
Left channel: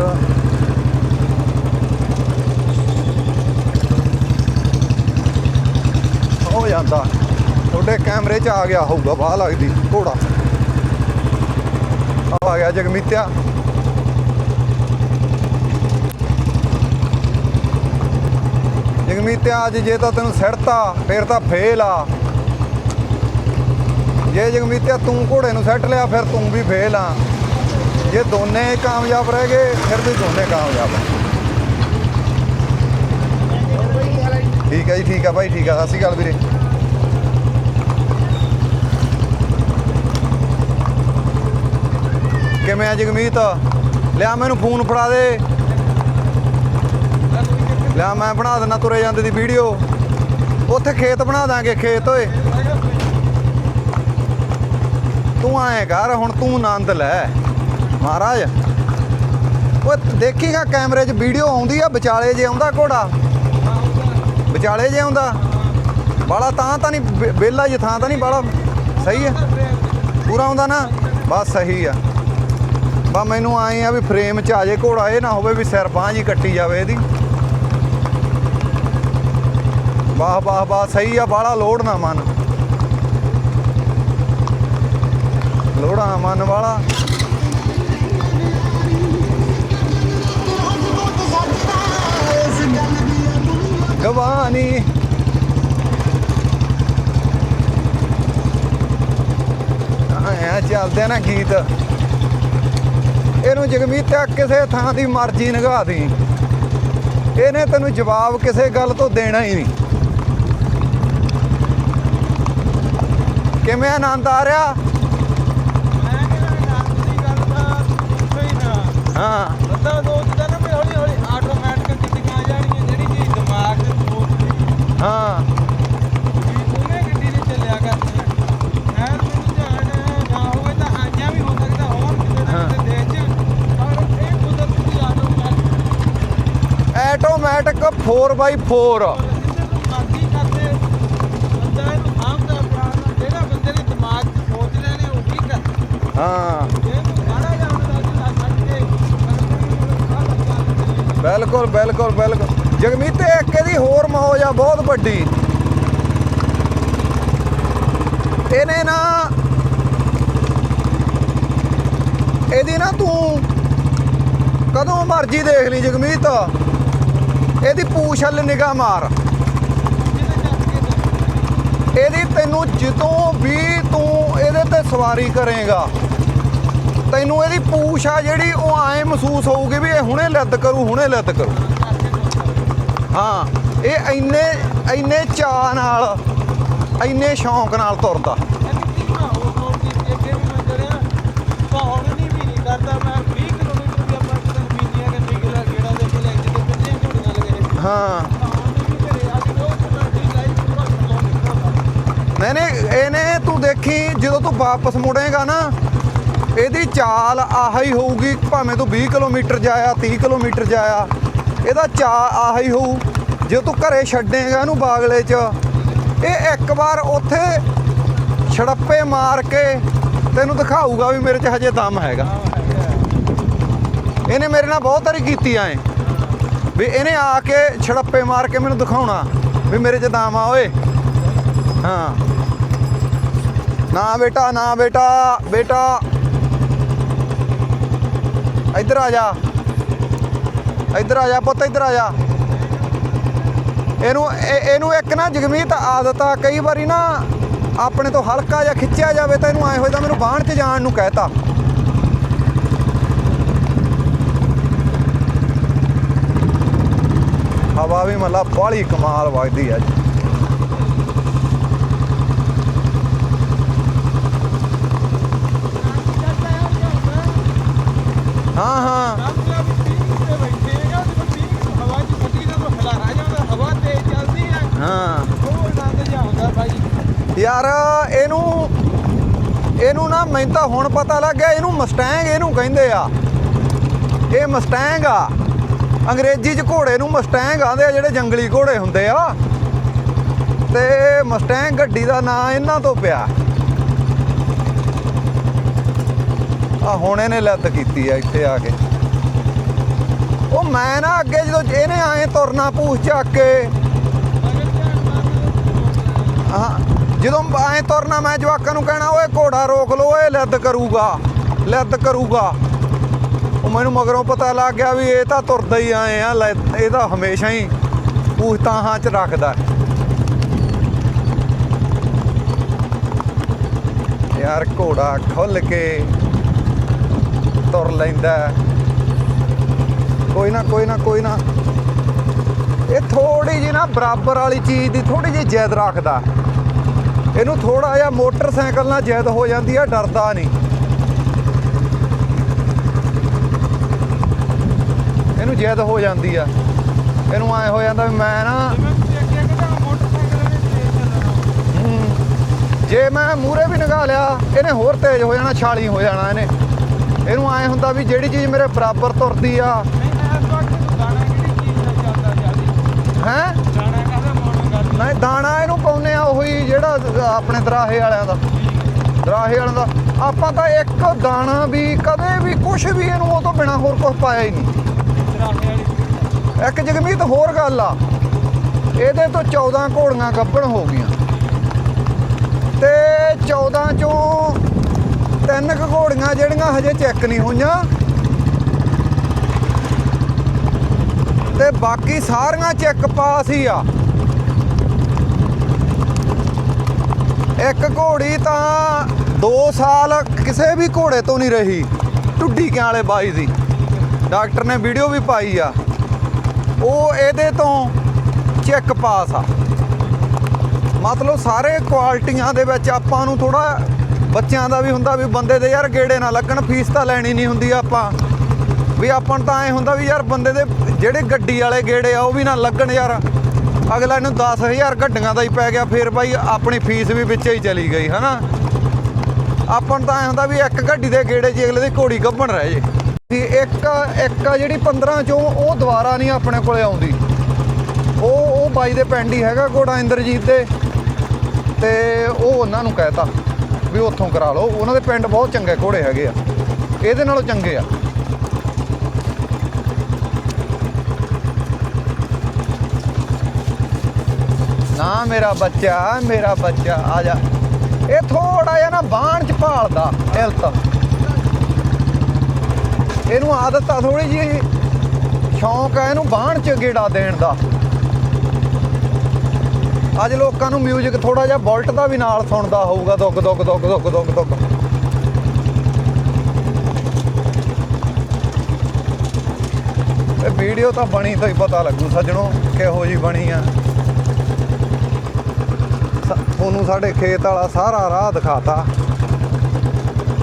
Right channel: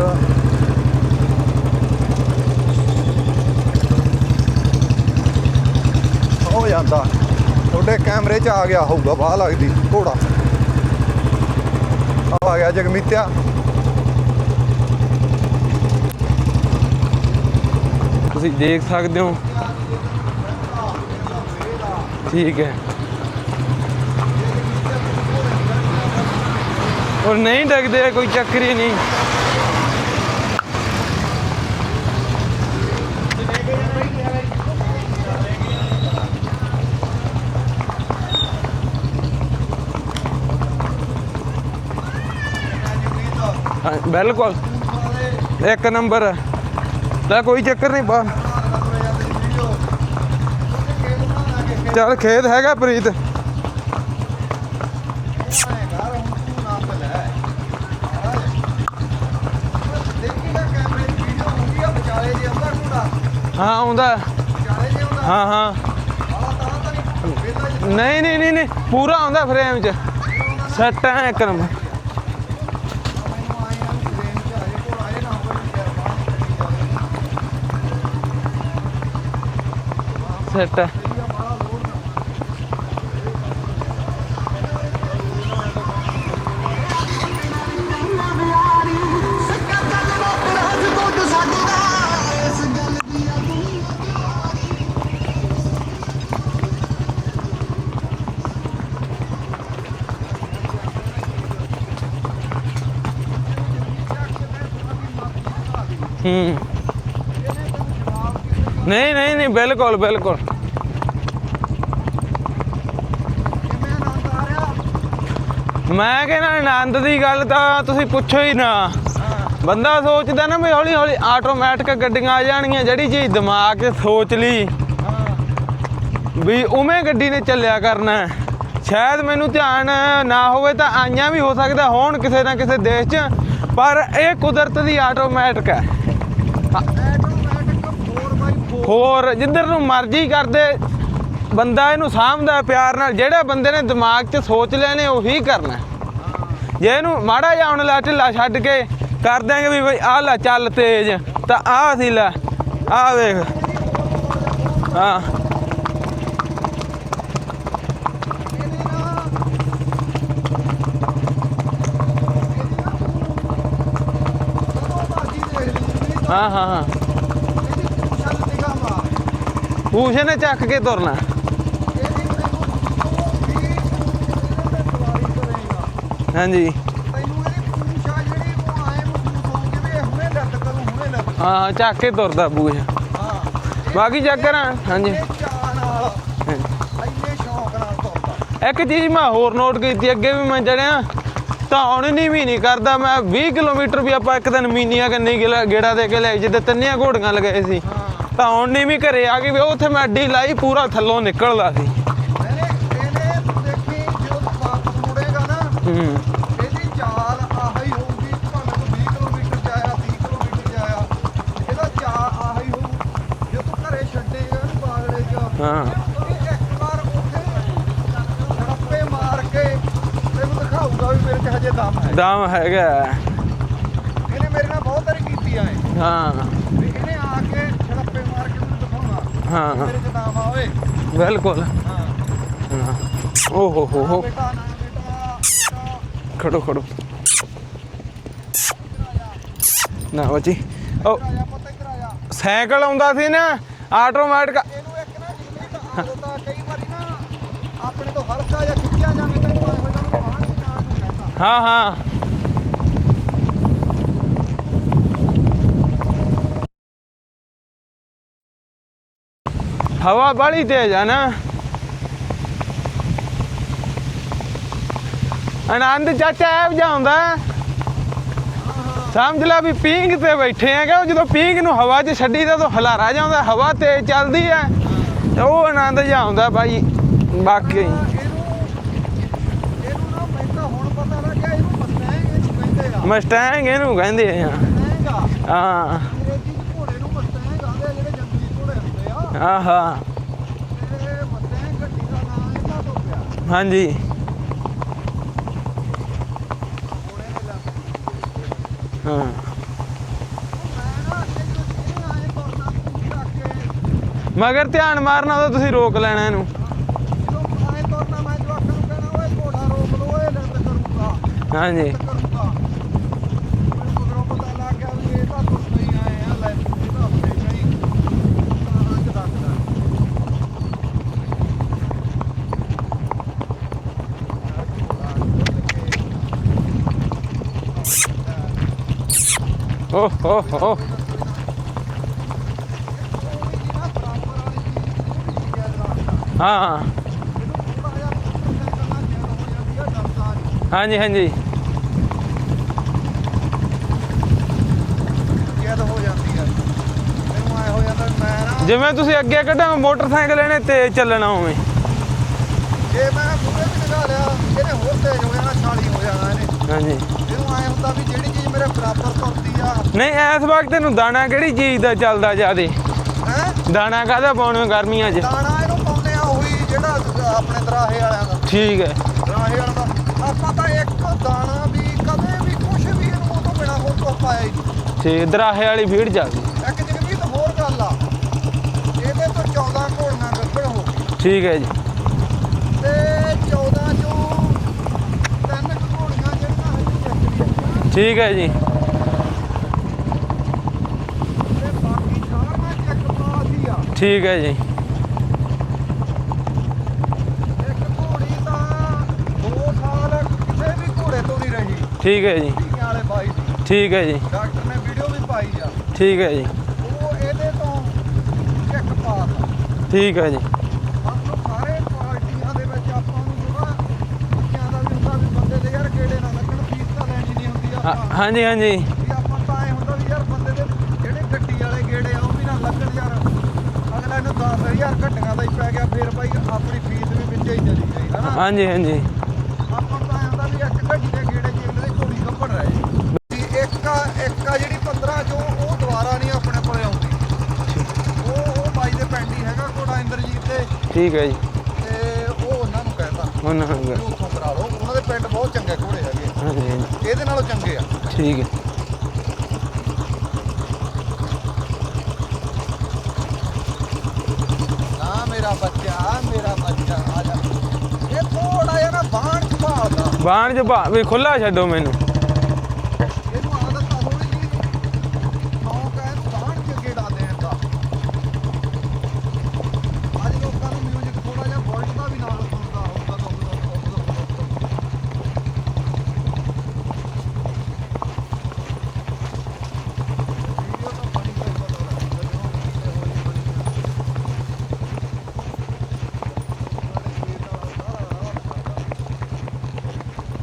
ਹੋ ਜਾਂਦਾ। ਤੁਹਾਡੇ ਕੈਮਰੇ 'ਚ ਆ ਗਿਆ ਹੋਊਗਾ ਬਾਹ ਲੱਗਦੀ ਘੋੜਾ। ਆ ਗਿਆ ਜਗਮੀਤਿਆ। ਤੁਸੀਂ ਦੇਖ ਸਕਦੇ ਹੋ। ਜਗਮੀਤਿਆ ਅੱਜ ਜੇ ਤਾਂ ਤੈਨੂੰ ਸਿੜਤਾ ਫੇਰ ਤਾਂ ਫੇਲ ਆ। ਠੀਕ ਹੈ। ਜੇ ਜਗਮੀਤਿਆ ਤੂੰ ਘੋੜੇ ਨੂੰ ਸੱਟ ਲਿਆ ਫਿਰ ਤੂੰ ਵੀ ਫੇਲ ਆ। ਹੁਣ ਨਹੀਂ ਡਗਦੇ ਕੋਈ ਚੱਕਰ ਹੀ ਨਹੀਂ। ਕਾਮਯਾਬ ਰਹਿ ਗਏ ਫਿਰ ਵੀ ਦੋਨੇ ਕਾਮਯਾਬ ਠੀਕ ਹੈ ਜੀ ਠੀਕ ਹੈ ਭਾਈ ਠੀਕ ਹੈ ਸਤਿ ਸ਼੍ਰੀ ਅਕਾਲ ਵੀਰੇ ਕਿਵੇਂ ਆ ਜਗਮੀਤ ਜਾਂ ਬਿਲਕੁਲ। ਮੈਨੂੰ ਫੋਨ ਫੜਾ ਦੇ। ਇੱਕ ਨੰਬਰ। ਦਾ ਕੋਈ ਚੱਕਰ ਨਹੀਂ ਜਾਂ ਮੈਂ ਬਣਾ ਦੇਣਾ ਤੁਰੇ ਜਾਂਦੇ ਦੀ ਵੀਡੀਓ। ਉੱਥੇ ਖੇਤ ਬਣਾ ਦਾਂਗੇ ਖੇਤ। ਚੱਲ ਓਏ। ਖੇਤ ਹੈਗਾ ਪ੍ਰੀਤ। ਤੂੰ ਆਏ ਕਰ ਹੁਣ ਤੂੰ ਆਨੰਦ ਲੈ। ਮਹਾਰਾਜ। ਓਏ ਦੇਖੀਗਾ ਕੈਮਰੇ 'ਚ ਵੀਡੀਓ ਆਉਂਦੀ ਆ ਵਿਚਾਲੇ ਜੇ ਆਉਂਦਾ ਘੋੜਾ? ਹਾਂ ਆਉਂਦਾ। ਵਿਚਾਲੇ ਜੇ ਆਉਂਦਾ? ਹਾਂ ਹਾਂ। ਬਾਲਾ ਤਾਂ ਤਾਂ ਨਹੀਂ ਬੇਲਾ ਜਿਹਾ ਥਾਂ ਤਾਂ ਨਹੀਂ ਨਹੀਂ ਬਾਹਲਾ- ਨਹੀਂ ਨਹੀਂ ਪੂਰਾ ਸਹੀ ਆ? ਆਉਂਦਾ ਫਰੇਮ 'ਚ। ਪੂਰਾ ਆਉਂਦਾ ਨਾ? ਸੈੱਟ ਆ ਇੱਕ ਬਸ ਨੰਬਰ। ਸਹੀ ਆ। ਬਾ ਮੈਨੂੰ ਆਏ ਆ ਵੀ ਫਰੇਮ 'ਚ ਆ ਜੇ ਘੋੜਾ ਇਹ ਨਾ ਹੋਵੇ ਵੀ ਸਿਰ ਬਾਂਹ ਜੀ ਕੱਟੀ ਜਾਵੇ ਇਹਦੀ। ਵਾਹ ਵਾਹ ਵਾਹ ਆ। ਸਹੀ ਆ ਬਾਲਾ ਲੋਡ ਨਾ ਮਨ। ਲੋੜਾ ਨਾ ਮਨ ਵਾਲਾ। ਜਵਾਨੀ। ਆਇਆ ਚੱਲਦੇ ਆ ਨਾ ਗੀਤ। ਇਹਨੂੰ ਜਗਮੀਤ ਕਿਸੇ ਥਾਂ ਦੀ ਮਰਜ਼ੀ ਨਗਾ ਦੀ। ਹੂੰ। ਇਹਨੇ ਤੈਨੂੰ ਜਵਾਬ ਕਿਸੇ ਗੱਲ ਤੋਂ ਨਹੀਂ ਨਹੀਂ ਦੇਣਾ ਨਹੀਂ ਹੀ ਬਿਲਕੁਲ ਬਿਲਕੁਲ। ਕਿਵੇਂ ਆਨੰਦ ਆ ਰਿਹਾ? ਮੈਂ ਕਹਿੰਦਾ ਆਨੰਦ ਦੀ ਗੱਲ ਤਾਂ ਤੁਸੀਂ ਪੁੱਛੋ ਹੀ ਨਾ। ਹਾਂ। ਬੰਦਾ ਸੋਚਦਾ ਨਾ ਵੀ ਹੌਲੀ ਹੌਲੀ ਆਟੋਮੈਟਿਕ ਗੱਡੀਆਂ ਆ ਜਾਣਗੀਆਂ ਜਿਹੜੀ ਚੀਜ਼ ਦਿਮਾਗ 'ਚ ਸੋਚ ਲਈ। ਹਾਂ। ਵੀ ਉਵੇਂ ਗੱਡੀ ਨੇ ਚੱਲਿਆ ਕਰਨਾ। ਹੈ। ਸ਼ਾਇਦ ਮੈਨੂੰ ਧਿਆਨ ਨਾ ਹੋਵੇ ਤਾਂ ਆਈਆਂ ਵੀ ਹੋ ਸਕਦਾ ਹੋਣ ਕਿਸੇ ਨਾ ਕਿਸੇ ਦੇਸ਼ 'ਚ ਪਰ ਇਹ ਕੁਦਰਤ ਦੀ ਆਟੋਮੈਟਿਕ ਹੈ। ਆਟੋਮੈਟਿਕ 4x4 ਹੋਰ ਜਿੱਧਰ ਨੂੰ ਮਰਜ਼ੀ ਕਰਦੇ ਬੰਦਾ ਇਹਨੂੰ ਸਾਂਭਦਾ ਪਿਆਰ ਨਾਲ ਜਿਹੜਾ ਬੰਦੇ ਨੇ ਦਿਮਾਗ 'ਚ ਸੋਚ ਲਿਆ ਨੇ ਉਹੀ ਕਰਨਾ। ਹੈ। ਜੇ ਇਹਨੂੰ ਮਾੜਾ ਜਿਹਾ ਹੁਣ ਲਾ ਢਿੱਲਾ ਛੱਡ ਕੇ ਕਰ ਦਾਂਗੇ ਵੀ ਬਈ ਆਹ ਲੈ ਚੱਲ ਤੇਜ਼। ਬਿਲਕੁਲ ਆਹ ਬਿਲਕੁਲ ਲੈ। ਬਿਲਕੁਲ। ਆਹ ਜਗਮੀਤ ਵੇਖ। ਇਹਦੀ ਹੋਰ ਮੌਜ ਆ ਬਹੁਤ ਵੱਡੀ। ਇਹਨੇ ਨਾ ਇਹਦੀ ਨਾ ਤੂੰ ਕਦੋਂ ਮਰਜ਼ੀ ਦੇਖ ਲਈ ਜਗਮੀਤ। ਹਾਂ ਹਾਂ ਹਾਂ। ਇਹਦੀ ਪੂਛ ਹਲ ਨਿਗਾਹ ਮਾਰ। ਪੂਛੇ ਨੇ ਚੱਕ ਕੇ ਤੁਰਨਾ ਇਹਦੀ ਤੈਨੂੰ ਜਦੋਂ ਵੀ ਤੂੰ ਇਹਦੇ ਤੇ ਸਵਾਰੀ ਕਰੇਗਾ ਹਾਂਜੀ। ਤੈਨੂੰ ਇਹਦੀ ਪੂਛ ਆ ਜਿਹੜੀ ਉਹ ਐ ਮਹਿਸੂਸ ਹੋਊਗੀ ਵੀ ਇਹ ਹੁਣੇ ਲੱਦ ਕਰੂ ਹੁਣੇ ਲੱਦ ਕਰੂ। ਹਾਂ ਚੱਕ ਕੇ ਤੁਰਦਾ ਬੂਝ ਹਾਂ ਇਹ ਬਾਕੀ ਇੰਨੇ ਚਾਅ ਨਾਲ ਇੰਨੇ ਸ਼ੌਂਕ ਨਾਲ ਤੁਰਦਾ। ਇੱਕ ਚੀਜ਼ ਮੈਂ ਹੋਰ ਨੋਟ ਕੀਤੀ ਅੱਗੇ ਵੀ ਮੈਂ ਚੜਿਆ ਤਾਂ ਹੁਣ ਨਹੀਂ ਵੀ ਨਹੀਂ ਕਰਦਾ ਮੈਂ 20 ਕਿਲੋਮੀਟਰ ਵੀ ਆਪਾਂ ਇੱਕ ਦਿਨ ਮੀਨੀਆਂ ਕੰਨੀ ਗੇੜਾ ਦੇ ਕੇ ਲੈ ਜਿੱਦੇ ਤੰਨੀਆਂ ਘੋੜੀਆਂ ਲਗਾਏ ਸੀ। ਹਾਂ। ਤਾਂ ਹੁਣ ਨਹੀਂ ਵੀ ਘਰੇ ਆ ਕੇ ਵੀ ਉੱਥੇ ਮੈਂ ਅੱਡੀ ਲਾਈ ਪੂਰਾ ਥੱਲੋਂ ਨਿਕਲਦਾ ਸੀ। ਮੈਨੇ ਇਹਨੇ ਤੂੰ ਦੇਖੀ ਜਦੋਂ ਤੂੰ ਵਾਪਸ ਮੁੜੇਗਾ ਨਾ ਇਹਦੀ ਚਾਲ ਆਹ ਹੀ ਹੋਊਗੀ ਭਾਵੇਂ ਤੂੰ 20 ਕਿਲੋਮੀਟਰ ਜਾਇਆ 30 ਕਿਲੋਮੀਟਰ ਜਾਇਆ ਇਹਦਾ ਚਾਲ ਆਹ ਹੀ ਹੋਊ। ਜੇ ਤੂੰ ਘਰੇ ਛੱਡੇਗਾ ਇਹਨੂੰ ਬਾਗਲੇ 'ਚ ਹਾਂ। ਇਹ ਇੱਕ ਵਾਰ ਉੱਥੇ ਛੜੱਪੇ ਮਾਰ ਕੇ ਤੈਨੂੰ ਦਿਖਾਊਗਾ ਵੀ ਮੇਰੇ 'ਚ ਹਜੇ ਦਮ ਹੈਗਾ। ਦਮ ਹੈਗਾ। ਇਹਨੇ ਮੇਰੇ ਨਾਲ ਬਹੁਤ ਵਾਰੀ ਕੀਤੀ ਐ ਹਾਂ। ਵੀ ਇਹਨੇ ਆ ਕੇ ਛੜੱਪੇ ਮਾਰ ਕੇ ਮੈਨੂੰ ਦਿਖਾਉਣਾ। ਵੀ ਮੇਰੇ 'ਚ ਦਮ ਆ ਓਏ। ਬਿਲਕੁਲ। ਹਾਂ। ਓਹੋ। ਨਾ ਬੇਟਾ ਨਾ ਬੇਟਾ ਬੇਟਾ। ਖੜੋ ਖੜੋ। ਇੱਧਰ ਆ ਜਾ। ਨਾ ਬਾਜੀ। ਇੱਧਰ ਆ ਜਾ ਪੁੱਤ ਇੱਧਰ ਆ ਜਾ। ਸਾਈਕਲ ਆਉਂਦਾ ਸੀ ਨਾ ਇਹਨੂੰ ਇੱਕ ਨਾ ਜਗਮੀਤ ਆਦਤ ਆ ਕਈ ਵਾਰੀ ਨਾ ਆਪਣੇ ਤੋਂ ਹਲਕਾ ਜਿਹਾ ਖਿੱਚਿਆ ਜਾਵੇ ਤਾਂ ਇਹਨੂੰ ਐ ਹੋਇਆ ਮੈਨੂੰ ਬਾਹਣ 'ਚ ਜਾਣ ਨੂੰ ਕਹਿਤਾ। ਹਾਂ ਹਾਂ। ਹਵਾ ਵੀ ਮੱਲਾ ਬਾਹਲੀ ਕਮਾਲ ਆ। ਜੀ ਹਵਾ ਬੜੀ ਤੇਜ਼ ਆ ਨਾ। ਆਨੰਦ ਚਾਚਾ ਐ ਜਾਂਦਾ ਹਾਂ ਹਾਂ। ਸਮਝ ਲੈ ਵੀ ਪੀਂਗ ਤੇ ਬੈਠੇ ਹੈਗੇ ਜਦੋਂ ਪੀਂਗ ਨੂੰ ਹਵਾ 'ਚ ਛੱਡੀ ਤਾਂ ਉਹ ਹਲਾਰਾ ਜਾਂਦਾ ਹਵਾ ਤੇਜ਼ ਚੱਲਦੀ ਹੈ ਹਾਂ। ਤੇ ਉਹ ਆਨੰਦ ਜਿਹਾ ਆਉਂਦਾ ਬਾਈ। ਯਾਰ ਇਹਨੂੰ ਇਹਨੂੰ ਨਾ ਮੈਨੂੰ ਤਾਂ ਹੁਣ ਪਤਾ ਲੱਗ ਗਿਆ ਇਹਨੂੰ ਮਸਟੈਂਗ ਇਹਨੂੰ ਕਹਿੰਦੇ ਆ। ਮਸਟੈਂਗ ਇਹਨੂੰ ਕਹਿੰਦੇ ਇਹ ਆ। ਮਸਟੈਂਗ ਆ। ਹਾਂ। ਅੰਗਰੇਜ਼ੀ 'ਚ ਘੋੜੇ ਨੂੰ ਮਸਟੈਂਗ ਆਂਦੇ ਆ ਜਿਹੜੇ ਜੰਗਲੀ ਘੋੜੇ ਹੁੰਦੇ ਆ। ਆਹਾ ਤੇ ਮਸਟੈਂਗ ਗੱਡੀ ਦਾ ਨਾਂ ਇਹਨਾਂ ਤੋਂ ਪਿਆ। ਹਾਂਜੀ। ਆ ਹੁਣ ਇਹਨੇ ਲੱਤ ਕੀਤੀ ਆ ਇੱਥੇ ਆ ਕੇ। ਹਾਂ ਉਹ ਮੈਂ ਨਾ ਅੱਗੇ ਜਦੋਂ ਇਹਨੇ ਆਏ ਤੁਰਨਾ ਪੂਛ ਚੱਕ ਕੇ। ਮਗਰ ਧਿਆਨ ਮਾਰਨਾ ਤਾਂ ਤੁਸੀਂ ਰੋਕ ਲੈਣਾ ਇਹਨੂੰ। ਹਾਂ ਜਦੋਂ ਐ ਤੁਰਨਾ ਮੈਂ ਜਵਾਕਾਂ ਨੂੰ ਕਹਿਣਾ ਓਏ ਘੋੜਾ ਰੋਕ ਲੋ ਓਏ ਲੱਦ ਕਰੂਗਾ। ਲੱਦ ਕਰੂਗਾ। ਉਹ ਮੈਨੂੰ ਮਗਰੋਂ ਪਤਾ ਲੱਗ ਗਿਆ ਵੀ ਇਹ ਤਾਂ ਤੁਰਦਾ ਹੀ ਆਏ ਆ ਲੈ- ਇਹ ਤਾਂ ਹਮੇਸ਼ਾ ਹੀ ਪੂਛ ਤਾਹਾਂ 'ਚ ਰੱਖਦਾ। ਯਾਰ ਘੋੜਾ ਖੁੱਲ ਕੇ ਤੁਰ ਲੈਂਦਾ। ਕੋਈ ਨਾ ਕੋਈ ਨਾ ਕੋਈ ਨਾ। ਇਹ ਥੋੜੀ ਜੀ ਨਾ ਬਰਾਬਰ ਵਾਲੀ ਚੀਜ਼ ਦੀ ਥੋੜੀ ਜਿਹੀ ਜ਼ਿੱਦ ਰੱਖਦਾ। ਹਾਂ ਇਹਨੂੰ ਥੋੜਾ ਜਿਹਾ ਮੋਟਰਸਾਈਕਲ ਨਾਲ ਜ਼ਿੱਦ ਹੋ ਜਾਂਦੀ ਆ ਡਰਦਾ ਨਹੀਂ। ਹਾਂਜੀ ਹਾਂਜੀ। ਇਹਨੂੰ ਜ਼ਿੱਦ ਹੋ ਜਾਂਦੀ ਆ। ਇਹਨੂੰ ਐ ਹੋ ਜਾਂਦਾ ਵੀ ਮੈਂ ਨਾ ਜਿਵੇਂ ਤੁਸੀਂ ਅੱਗੇ ਕੱਢਾਂ ਮੋਟਰਸਾਈਕਲ ਇਹਨੇ ਤੇਜ਼ ਚੱਲਣਾ ਹੋਵੇ ਜੇ ਮੈਂ ਮੂਰੇ ਵੀ ਨਿਕਾ ਲਿਆ ਇਹਨੇ ਹੋਰ ਤੇਜ਼ ਹੋ ਜਾਣਾ ਛਾਲੀ ਹੋ ਜਾਣਾ ਇਹਨੇ। ਹਾਂਜੀ। ਇਹਨੂੰ ਐ ਹੁੰਦਾ ਵੀ ਜਿਹੜੀ ਚੀਜ਼ ਮੇਰੇ ਬਰਾਬਰ ਤੁਰਦੀ ਆ। ਨਹੀਂ ਇਸ ਵਕਤ ਇਹਨੂੰ ਦਾਣਾ ਕਿਹੜੀ ਚੀਜ਼ ਦਾ ਚੱਲਦਾ ਜਿਆਦੇ? ਹੈ? ਦਾਣਾ ਕਾਹਦਾ ਪਾਉਣਾ ਗਰਮੀਆਂ 'ਚ? ਦਾਣਾ ਇਹਨੂੰ ਪਾਉਂਦੇ ਆ ਉਹੀ ਜਿਹੜਾ ਆਪਣੇ ਦਰਾਹੇ ਵਾਲਿਆਂ ਦਾ। ਠੀਕ ਹੈ। ਦਰਾਹੇ ਵਾਲਿਆਂ ਦਾ। ਆਪਾਂ ਤਾਂ ਇੱਕ ਦਾਣਾ ਵੀ ਕਦੇ ਵੀ ਕੁਝ ਵੀ ਇਹਨੂੰ ਉਹ ਤੋਂ ਬਿਨਾ ਹੋਰ ਕੁਝ ਪਾਇਆ ਹੀ ਨਹੀਂ। ਠੀਕ ਦਰਾਹੇ ਵਾਲੀ ਫੀਡ ਚੱਲਦੀ ਇੱਕ ਜਗਮੀਤ ਹੋਰ ਗੱਲ ਆ। ਇਹਦੇ ਤੋਂ 14 ਘੋੜੀਆਂ ਗੱਭਣ ਹੋ ਗਈਆਂ। ਠੀਕ ਹੈ ਜੀ। ਤੇ 14 ਚੋਂ ਤਿੰਨ ਕੁ ਘੋੜੀਆਂ ਜਿਹੜੀਆਂ ਹਜੇ ਚੈੱਕ ਨਹੀਂ ਹੋਈਆਂ। ਠੀਕ ਹੈ ਜੀ। ਤੇ ਬਾਕੀ ਸਾਰੀਆਂ ਚੈੱਕ ਪਾਸ ਹੀ ਆ। ਠੀਕ ਹੈ ਜੀ। ਇੱਕ ਘੋੜੀ ਤਾਂ 2 ਸਾਲ ਕਿਸੇ ਵੀ ਘੋੜੇ ਤੋਂ ਨਹੀਂ ਰਹੀ। ਠੀਕ ਹੈ ਜੀ। ਟੁੱਡੀ ਕਿਆਂ ਵਾਲੇ ਬਾਈ ਦੀ। ਠੀਕ ਹੈ ਜੀ। ਡਾਕਟਰ ਨੇ ਵੀਡੀਓ ਵੀ ਪਾਈ ਆ। ਠੀਕ ਹੈ ਜੀ। ਉਹ ਇਹਦੇ ਤੋਂ ਚੈੱਕ ਪਾਸ ਆ। ਠੀਕ ਹੈ ਜੀ। ਮਤਲਬ ਸਾਰੇ ਕੁਆਲਿਟੀਆਂ ਦੇ ਵਿੱਚ ਆਪਾਂ ਨੂੰ ਥੋੜਾ ਬੱਚਿਆਂ ਦਾ ਵੀ ਹੁੰਦਾ ਵੀ ਬੰਦੇ ਦੇ ਯਾਰ ਗੇੜੇ ਨਾ ਲੱਗਣ ਫੀਸ ਤਾਂ ਲੈਣੀ ਨਹੀਂ ਹੁੰਦੀ ਆਪਾਂ। ਹਾਂਜੀ ਹਾਂਜੀ। ਵੀ ਆਪਾਂ ਨੂੰ ਤਾਂ ਐ ਹੁੰਦਾ ਵੀ ਯਾਰ ਬੰਦੇ ਦੇ ਜਿਹੜੇ ਗੱਡੀ ਵਾਲੇ ਗੇੜੇ ਆ ਉਹ ਵੀ ਨਾ ਲੱਗਣ ਯਾਰ। ਅਗਲਾ ਇਹਨੂੰ 10000 ਗੱਡੀਆਂ ਦਾ ਹੀ ਪੈ ਗਿਆ ਫਿਰ ਭਾਈ ਆਪਣੀ ਫੀਸ ਵੀ ਵਿੱਚ ਹੀ ਚਲੀ ਗਈ ਹਨਾ? ਹਾਂਜੀ ਹਾਂਜੀ। ਆਪਾਂ ਨੂੰ ਤਾਂ ਐ ਹੁੰਦਾ ਵੀ ਇੱਕ ਗੱਡੀ ਦੇ ਗੇੜੇ 'ਚ ਅਗਲੇ ਦੀ ਘੋੜੀ ਗੱਭਣ ਰਹਿ ਜੇ। ਇੱਕ ਇੱਕ ਜਿਹੜੀ 15 ਚੋਂ ਉਹ ਦੁਬਾਰਾ ਨਹੀਂ ਆਪਣੇ ਕੋਲੇ ਆਉਂਦੀ। ਉਹ ਉਹ ਬਾਈ ਦੇ ਪਿੰਡ ਹੀ ਹੈਗਾ ਘੋੜਾ ਇੰਦਰਜੀਤ ਦੇ। ਠੀਕ ਹੈ ਜੀ। ਤੇ ਉਹ ਉਹਨਾਂ ਨੂੰ ਕਹਿਤਾ ਹੁਣ ਵੀ ਉੱਥੋਂ ਕਰਾ ਲਓ। ਉਹਨਾਂ ਦੇ ਪਿੰਡ ਬਹੁਤ ਚੰਗੇ ਘੋੜੇ ਹੈਗੇ ਆ। ਇਹਦੇ ਨਾਲੋਂ ਚੰਗੇ ਆ। ਠੀਕ ਹੈ। ਨਾ ਮੇਰਾ ਬੱਚਾ ਮੇਰਾ ਬੱਚਾ ਆ ਜਾ। ਇਹ ਥੋੜਾ ਜਿਹਾ ਨਾ ਬਾਣ ਚ ਭਾਲਦਾ। ਬਾਹਰ ਚ ਭਾ ਵੀ ਖੁੱਲਾ ਛੱਡੋ ਮੈਨੂੰ। ਇਹਨੂੰ ਆਦਤ ਆ ਥੋੜੀ ਜੀ ਸ਼ੌਂਕ ਆ ਇਹਨੂੰ ਬਾਣ ਚ ਗੇੜਾ ਦੇਣ ਦਾ। ਅੱਜ ਲੋਕਾਂ ਨੂੰ ਮਿਊਜ਼ਿਕ ਥੋੜਾ ਜਿਹਾ ਬੋਲਟ ਦਾ ਵੀ ਨਾਲ ਸੁਣਦਾ ਹੋਊਗਾ ਦੁੱਗ ਦੁੱਗ ਦੁੱਗ ਦੁੱਗ ਦੁੱਗ ਦੁੱਗ ਇਹ ਵੀਡੀਓ ਤਾਂ ਬਣੀ ਤਾਂ ਹੀ ਪਤਾ ਲੱਗੂ ਸੱਜਣੋ, ਕਿਹੋ ਜੀ ਬਣੀ ਆ। ਤੁਹਾਨੂੰ ਸਾਡੇ ਖੇਤ ਵਾਲਾ ਸਾਰਾ ਰਾਹ ਦਿਖਾਤਾ।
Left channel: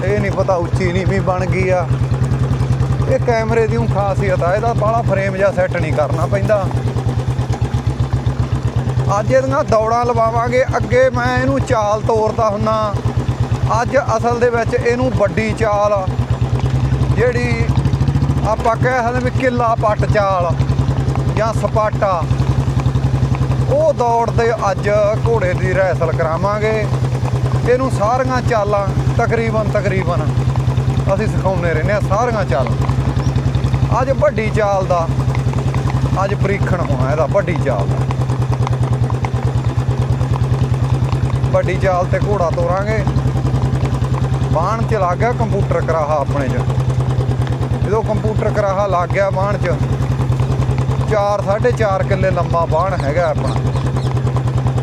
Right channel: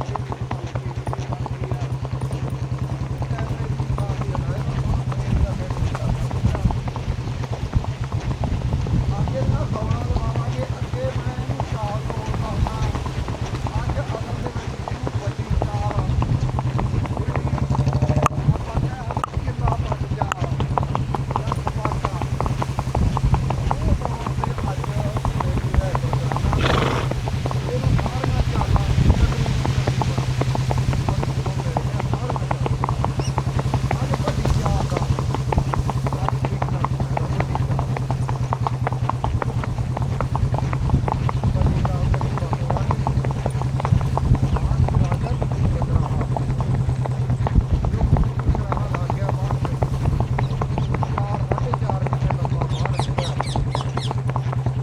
ਇਹ ਨਹੀਂ ਪਤਾ ਉੱਚੀ ਨੀਵੀਂ ਬਣ ਗਈ ਆ। ਇਹ ਕੈਮਰੇ ਦੀ ਖਾਸੀਅਤ ਆ, ਇਹਦਾ ਬਾਲਾ ਫਰੇਮ ਜਾਂ ਸੈੱਟ ਨਹੀਂ ਕਰਨਾ ਪੈਂਦਾ। ਅੱਜ ਇਹਦੀਆਂ ਦੌੜਾਂ ਲਵਾਵਾਂਗੇ। ਅੱਗੇ ਮੈਂ ਇਹਨੂੰ ਚਾਲ ਤੋਰਦਾ ਹੁੰਨਾ ਅੱਜ ਅਸਲ ਦੇ ਵਿੱਚ ਇਹਨੂੰ ਵੱਡੀ ਚਾਲ, ਜਿਹੜੀ ਆਪਾਂ ਕਹਿ ਸਕਦੇ ਵੀ ਕਿੱਲਾ ਪੱਟ ਚਾਲ ਜਾਂ ਸਪਾਟਾ, ਉਹ ਦੌੜ ਦੇ ਅੱਜ ਘੋੜੇ ਦੀ ਰੈਸਲ ਕਰਾਵਾਂਗੇ। ਇਹਨੂੰ ਸਾਰੀਆਂ ਚਾਲਾਂ ਤਕਰੀਬਨ ਤਕਰੀਬਨ ਅਸੀਂ ਸਿਖਾਉਂਦੇ ਰਹਿੰਦੇ ਆ ਸਾਰੀਆਂ ਚਾਲਾਂ। ਅੱਜ ਵੱਡੀ ਚਾਲ ਦਾ, ਅੱਜ ਪਰੀਖਣ ਹੋਣਾ ਇਹਦਾ ਵੱਡੀ ਚਾਲ। ਦਾ ਵੱਡੀ ਚਾਲ ਤੇ ਘੋੜਾ ਤੋਰਾਂਗੇ। ਬਾਣ ਚ ਲੱਗ ਗਿਆ ਕੰਪਿਊਟਰ ਕਰਾਹਾ ਆਪਣੇ ਚ। ਜਦੋਂ ਕੰਪਿਊਟਰ ਕਰਾਹਾ ਲੱਗ ਗਿਆ ਬਾਣ ਚ 4 4.5 ਕਿੱਲੇ ਲੰਮਾ ਬਾਣ ਹੈਗਾ ਆਪਣਾ।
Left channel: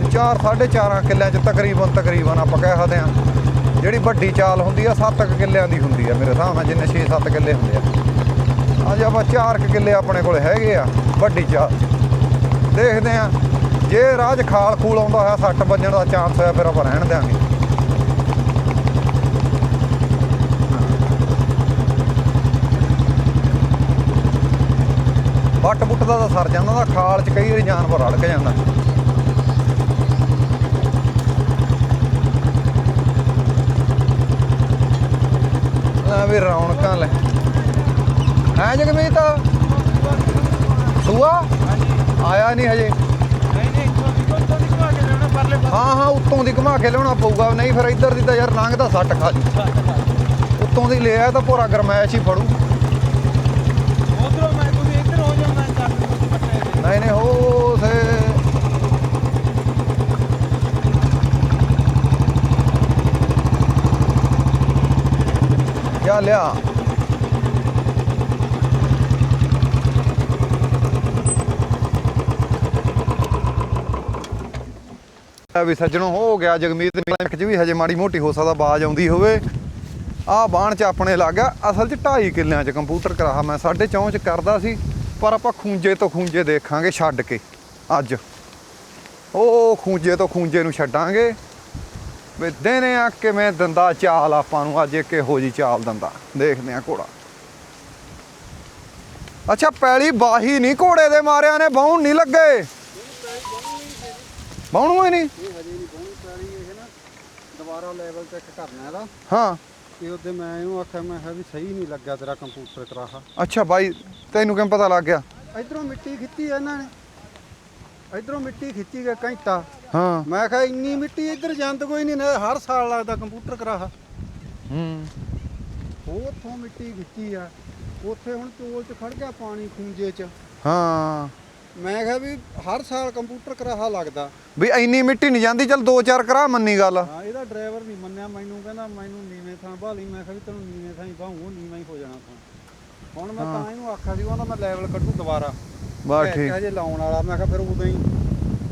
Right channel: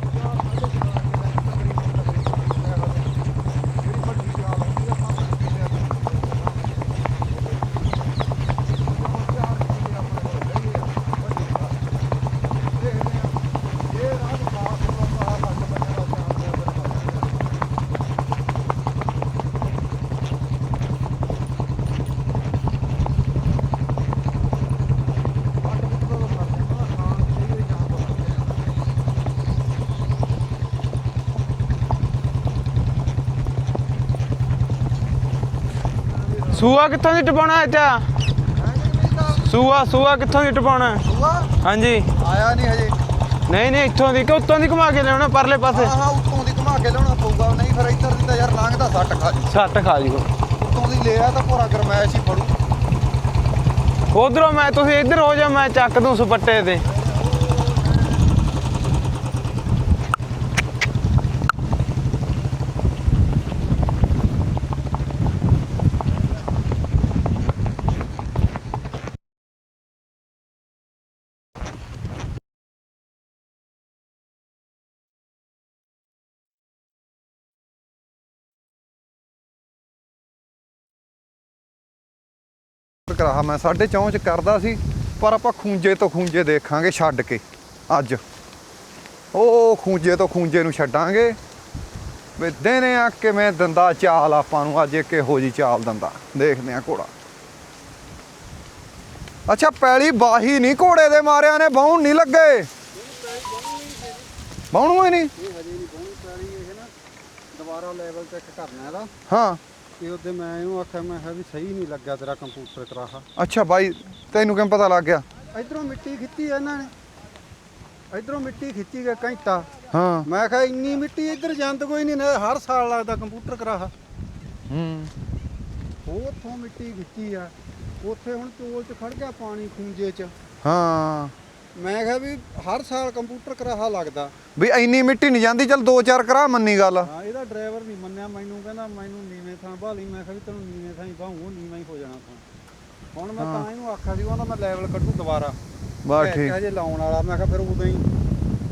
4 4.5 ਕਿੱਲਿਆਂ ਚ ਤਕਰੀਬਨ ਤਕਰੀਬਨ ਆਪਾਂ ਕਹਿ ਸਕਦੇ ਆ ਜਿਹੜੀ ਵੱਡੀ ਚਾਲ ਹੁੰਦੀ ਆ 7 ਕਿੱਲਿਆਂ ਦੀ ਹੁੰਦੀ ਆ ਮੇਰੇ ਹਿਸਾਬ ਨਾਲ, ਜਿੰਨੇ 6-7 ਕਿੱਲੇ ਹੁੰਦੇ ਆ। ਅੱਜ ਆਪਾਂ 4 ਕਿੱਲੇ ਆਪਣੇ ਕੋਲ ਹੈਗੇ ਆ ਵੱਡੀ ਚਾਲ। ਦੇਖਦੇ ਆ ਜੇ ਰਾਜ ਖਾਲ ਖੂਲ ਆਉਂਦਾ ਹੈ ਸੱਟ ਵੱਜਣ ਦਾ ਚਾਂਸ ਹੈ ਫਿਰ ਆਪਾਂ ਰਹਿਣ ਦਿਆਂਗੇ। ਵੱਟ ਬੁੱਟ ਦਾ ਤਾਂ ਸਰ ਜਾਂਦਾ ਦਾ ਖਾਲ ਚ ਕਈ ਵਾਰੀ ਜਾਨਵਰ ਅੜਕ ਜਾਂਦਾ। ਸੂਆ ਕਿੱਥੋਂ ਦੀ ਟਪਾਉਣਾ ਅੱਛਾ ਹੈ ਜਗਮੀਤ? ਸੂਆ ਸੂਆ ਕਿੱਥੋਂ ਦੀ ਟਪਾਉਣਾ? ਸੂਆ? ਹਾਂਜੀ। ਆਇਆ ਨਹੀਂ ਹਜੇ। ਨਹੀਂ ਨਹੀਂ ਇੱਥੋਂ ਦੀ ਕਿ ਉੱਤੋਂ ਦੀ ਘੁਮਾ ਕੇ ਲਿਆਉਣਾ ਪਰਲੇ ਪਾਸੇ। ਹਾਂ ਹਾਂ ਉੱਤੋਂ ਦੀ ਘੁਮਾ ਕੇ ਲਿਆਉਣਾ ਪਊਗਾ। ਨਹੀਂ ਫਿਰ ਇੱਧਰ ਦੀ ਤਾਂ ਯਾਰ ਲੰਘਦਾ ਸੱਟ ਖਾ ਸੱਟ ਖਾ ਜੂਗਾ ਉੱਤੋਂ ਦੀ ਲਿਆ ਤਾਂ ਪੂਰਾ ਗਰਮੈਸ਼ ਹੀ ਫੜੂ। ਉਧਰੋਂ ਮੈਂ ਤੁਸੀਂ ਇੱਧਰ ਹੋ ਜਾ ਮੈਂ ਚੱਕ ਦੂੰ ਸੁਪੱਟੇ ਤੇ। ਨਹੀਂ ਨਹੀਂ ਹੋ ਥੇ ਜਾ ਲਿਆ। ਵੀ ਸੱਜਣੋ, ਹੋ ਗਿਆ ਜਗਮੀਤ ਬੈਂਕ 'ਚ ਵੀ ਹਜੇ ਮਾੜੀ ਮੋਟੀ, ਹੋ ਸਕਦਾ ਆਵਾਜ਼ ਆਉਂਦੀ ਹੋਵੇ। ਆ ਬਾਣ ਚ ਆਪਣੇ ਲੱਗ ਅਸਲ 'ਚ 2.5 ਕਿੱਲਿਆਂ 'ਚ ਕੰਪਿਊਟਰ ਕਰਾਹਾ ਮੈਂ 4.5 'ਚ ਕਰਦਾ ਸੀ, ਪਰ ਆਪਾਂ ਖੂੰਜੇ ਤੋਂ ਖੂੰਜੇ ਦੇਖਾਂਗੇ ਛੱਡ ਕੇ, ਅੱਜ। ਉਹ ਖੂੰਜੇ ਤੋਂ ਖੂੰਜੇ ਨੂੰ ਛੱਡਾਂਗੇ, ਵੀ ਦੇਨੇ ਆ ਕਿਵੇਂ ਦੰਦਾ ਚਾਲ ਆਪਾਂ ਨੂੰ, ਅੱਜ ਇੱਕ ਇਹੋ ਜੀ ਚਾਲ ਦੰਦਾ। ਦੇਖਦੇ ਆ ਘੋੜਾ। ਅੱਛਾ, ਪੈਲੀ ਬਾਹੀ ਨਹੀਂ ਘੋੜੇ ਦੇ ਮਾਰਿਆਂ ਨੇ ਬਾਹਣ ਨਹੀਂ ਲੱਗੇ। ਬਾਹਣੂ ਹੀ ਨਹੀਂ? ਇਹ ਹਜੇ ਨਹੀਂ ਪਹੁੰਚ ਪਾਰੀ ਇਹ ਨਾ ਦੁਬਾਰਾ ਲੈਵਲ ਚੈੱਕ ਕਰਨਾ ਇਹਦਾ। ਹਾਂ। ਤੇ ਉਹਦੇ ਮੈਂ ਇਹਨੂੰ ਆਖਿਆ ਮੈਂ ਕਿਹਾ ਵੀ ਸਹੀ ਨਹੀਂ ਲੱਗਿਆ ਤੇਰਾ ਕੰਪਿਊਟਰ ਕਰਾਹਾ ਅੱਛਾ ਬਾਈ ਤੈਨੂੰ ਕਿਵੇਂ ਪਤਾ ਲੱਗ ਗਿਆ? ਇਧਰੋਂ ਮਿੱਟੀ ਖਿੱਚੀ ਇਹਨਾਂ ਨੇ। ਇਧਰੋਂ ਮਿੱਟੀ ਖਿੱਚੀ ਗਿਆ ਘੰਟਾ। ਹਾਂ। ਮੈਂ ਕਿਹਾ ਇੰਨੀ ਮਿੱਟੀ ਇੱਧਰ ਜਾਂਦ ਕੋਈ ਨਹੀਂ ਨਾ ਹਰ ਸਾਲ ਲੱਗਦਾ ਕੰਪਿਊਟਰ ਕਰਾਹਾ ਹੂੰ। ਉੱਥੋਂ ਮਿੱਟੀ ਖਿੱਚੀ ਆ। ਉੱਥੇ ਹੁਣ ਚੋਲ 'ਚ ਖੜ ਗਿਆ ਪਾਣੀ ਖੂੰਜੇ 'ਚ। ਹਾਂ। ਮੈਂ ਕਿਹਾ ਵੀ ਹਰ ਸਾਲ ਕੰਪਿਊਟਰ ਕਰਾਹਾ ਲੱਗਦਾ। ਵੀ ਇੰਨੀ ਮਿੱਟੀ ਨਹੀਂ ਜਾਂਦੀ ਚੱਲ ਦੋ ਚਾਰ ਕਰਾ ਮੰਨੀ ਗੱਲ। ਹਾਂ ਇਹਦਾ ਡਰਾਈਵਰ ਨਹੀਂ ਮੰਨਿਆ ਮੈਨੂੰ ਕਹਿੰਦਾ ਮੈਨੂੰ ਨੀਵੇਂ ਥਾਂ ਭਾਲੀ ਮੈਂ ਕਿਹਾ ਵੀ ਤੈਨੂੰ ਨੀਵੇਂ ਥਾਂ ਹੀ ਭਾਊਂ ਨੀਵਾਂ ਹੀ ਹੋ ਜਾਣਾ ਥਾਂ। ਹੁਣ ਮੈਂ ਤਾਂ ਇਹਨੂੰ ਆਖਿਆ ਸੀ ਉਹਦਾ ਮੈਂ ਲੈਵਲ ਕੱਢੂ ਦੁਬਾਰਾ। ਬਸ ਠੀਕ। ਜੇ ਲਾਉਣ ਵਾਲਾ ਮੈਂ ਕਿਹਾ ਫਿਰ ਉਦੋਂ ਹੀ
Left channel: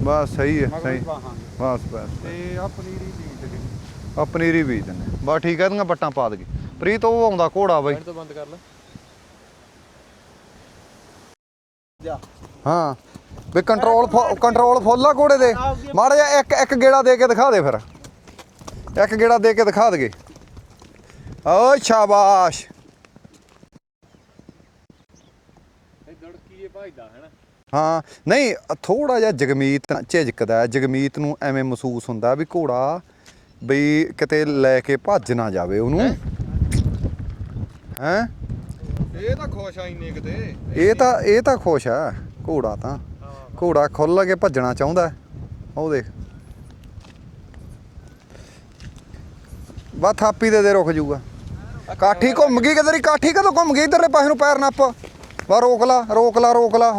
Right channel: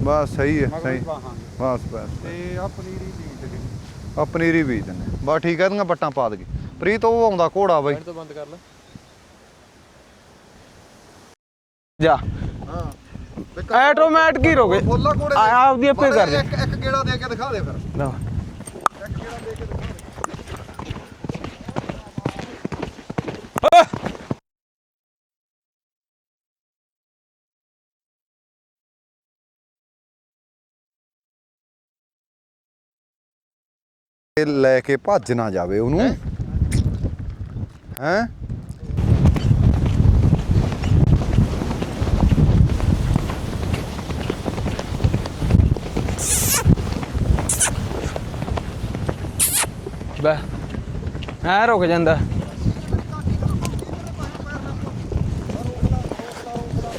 ਬਸ ਸਹੀ ਹੈ ਸਹੀ। ਬਸ ਬਸ ਤੇ ਆ ਪਨੀਰੀ ਬੀਜ ਦੇ। ਆ ਪਨੀਰੀ ਬੀਜ ਦਿੰਨੇ ਬਸ ਠੀਕ ਹੈ ਦੀਆਂ ਪੱਟਾਂ ਪਾ ਦਗੇ ਪ੍ਰੀਤ ਉਹ ਆਉਂਦਾ ਘੋੜਾ ਬਾਈ। ਤੋਂ ਬੰਦ ਕਰ ਲੈ। ਜਾ। ਹਾਂ। ਵੀ Automatic ਹੀ ਰੋਗੇ। ਫੁੱਲਾ ਘੋੜੇ ਦੇ। ਆਪੇ ਮਾੜਾ ਕਰ ਜਿਹਾ ਇੱਕ ਇੱਕ ਗੇੜਾ ਦੇ ਕੇ ਦਿਖਾ ਦੇ ਫਿਰ। ਇੱਕ ਗੇੜਾ ਦੇ ਕੇ ਦਿਖਾ ਦਗੇ। ਓ ਸ਼ਾਬਾਸ਼। ਹਾਂ ਨਹੀਂ ਥੋੜਾ ਜਿਹਾ ਜਗਮੀਤ ਝਿਜਕਦਾ ਹੈ। ਜਗਮੀਤ ਨੂੰ ਐਵੇਂ ਮਹਿਸੂਸ ਹੁੰਦਾ ਵੀ ਘੋੜਾ ਬਈ ਕਿਤੇ ਲੈ ਕੇ ਭੱਜ ਨਾ ਜਾਵੇ ਉਹਨੂੰ। ਹੈ ਇਹ ਤਾਂ ਖੁਸ਼ ਆਈ ਕਿਤੇ ਇਹ ਤਾਂ ਇਹ ਤਾਂ ਖੁਸ਼ ਆ। ਘੋੜਾ ਤਾਂ। ਘੋੜਾ ਖੁੱਲ ਕੇ ਭੱਜਣਾ ਚਾਹੁੰਦਾ। ਹੈ। ਉਹਦੇ ਬਾ ਥਾਪੀ ਦੇ ਦੇ ਰੁਕ ਜੂਗਾ ਐ ਰੁਕ ਜਾਂਦਾ। ਕਾਠੀ ਘੁੰਮ ਗਈ ਕਿਧਰ? ਕਾਠੀ ਕਦੋਂ ਘੁੰਮ ਗਈ? ਇਧਰਲੇ ਪਾਸੇ ਨੂੰ ਪੈਰ ਨੱਪ। ਬਾ ਰੋਕ ਲਾ ਰੋਕ ਲਾ ਰੋਕ ਲਾ।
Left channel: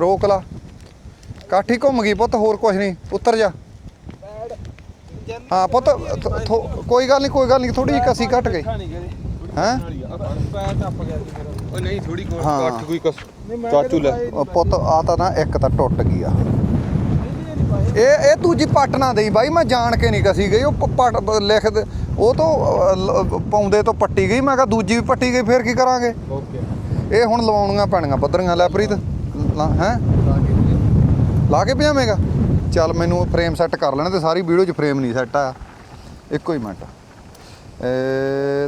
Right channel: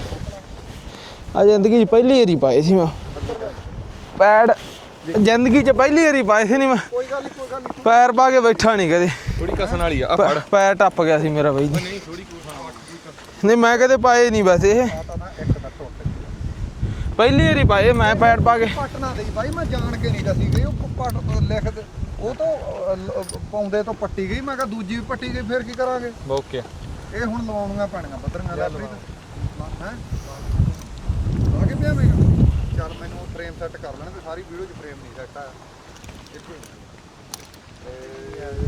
ਰੋਕ ਲਾ। ਆ ਚ ਘੁੰਮ ਗਈ ਪੁੱਤ ਹੋਰ ਕੁਝ ਨਹੀਂ। ਉੱਤਰ ਜਾ। ਪੈੜ। ਜ਼ਿੰਦਗੀ ਚ ਪਹਿਲੀ ਵਾਰੀ ਪਾਏ ਸੀ ਨਹੀਂ ਮੈਂ। ਕੋਈ ਗੱਲ ਨਹੀਂ ਕੋਈ ਗੱਲ ਨਹੀਂ ਥੋੜੀ ਪੈਰ ਕਸੀ ਪਾ ਕੇ ਬੈਠਾ ਨਹੀਂ ਕਦੇ। ਹੈਂ? ਪ- ਪੈਰ ਟੱਪ ਗਿਆ ਸੀ ਮੇਰਾ ਬਾਈ ਨਹੀਂ ਥੋੜੀ ਹਾਂ। ਕੋਈ ਕਸ ਨਹੀਂ ਮੈਂ ਕਦੇ ਪਾਏ ਨਹੀਂ ਵੈਸੇ। ਆ ਤਾਂ ਨਾ ਇੱਕ ਤਾਂ ਟੁੱਟ ਗਈ ਆ। ਪਹਿਲੀ ਵਾਰੀ ਪਾਏ ਮੈਂ ਇਹ ਪੈਰ ਇਹ ਪਾ ਤੂੰ ਕੇ ਕੀ ਪੱਟ ਨਾ ਦੇਈ ਬਾਈ ਮੈਂ ਜਾਣ ਕੇ ਨਹੀਂ ਕਸੀ ਗਈ ਉਹ ਪੱਟ ਲਿਖ ਉਹ ਤੋਂ ਪਾਉਂਦੇ ਤੋਂ ਪੱਟੀ ਗਈ ਮੈਂ ਕਿਹਾ ਦੂਜੀ ਵੀ ਪੱਟੀ ਗਈ ਫੇਰ ਕੀ ਕਰਾਂਗੇ? ਓਕੇ। ਇਹ ਹੁਣ ਲਵਾਉਣੀਆਂ ਪੈਣੀਆਂ ਪੱਧਰੀਆਂ ਲੈ ਪ੍ਰੀਤ। ਹੈ? ਲਾ ਕੇ ਪਿਆਵੇਂਗਾ ਚੱਲ ਮੈਨੂੰ ਫਰੇਮ ਸੈੱਟ ਕਰ ਲੈਣਾ ਤੇ ਸਾਰੀ ਵੀਡੀਓ 'ਚ ਫਰੇਮ ਨਹੀਂ ਸੈੱਟ ਆ ਇੱਕੋ ਹੀ ਮਿੰਟ।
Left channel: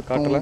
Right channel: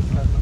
ਕੱਟ ਲੈ।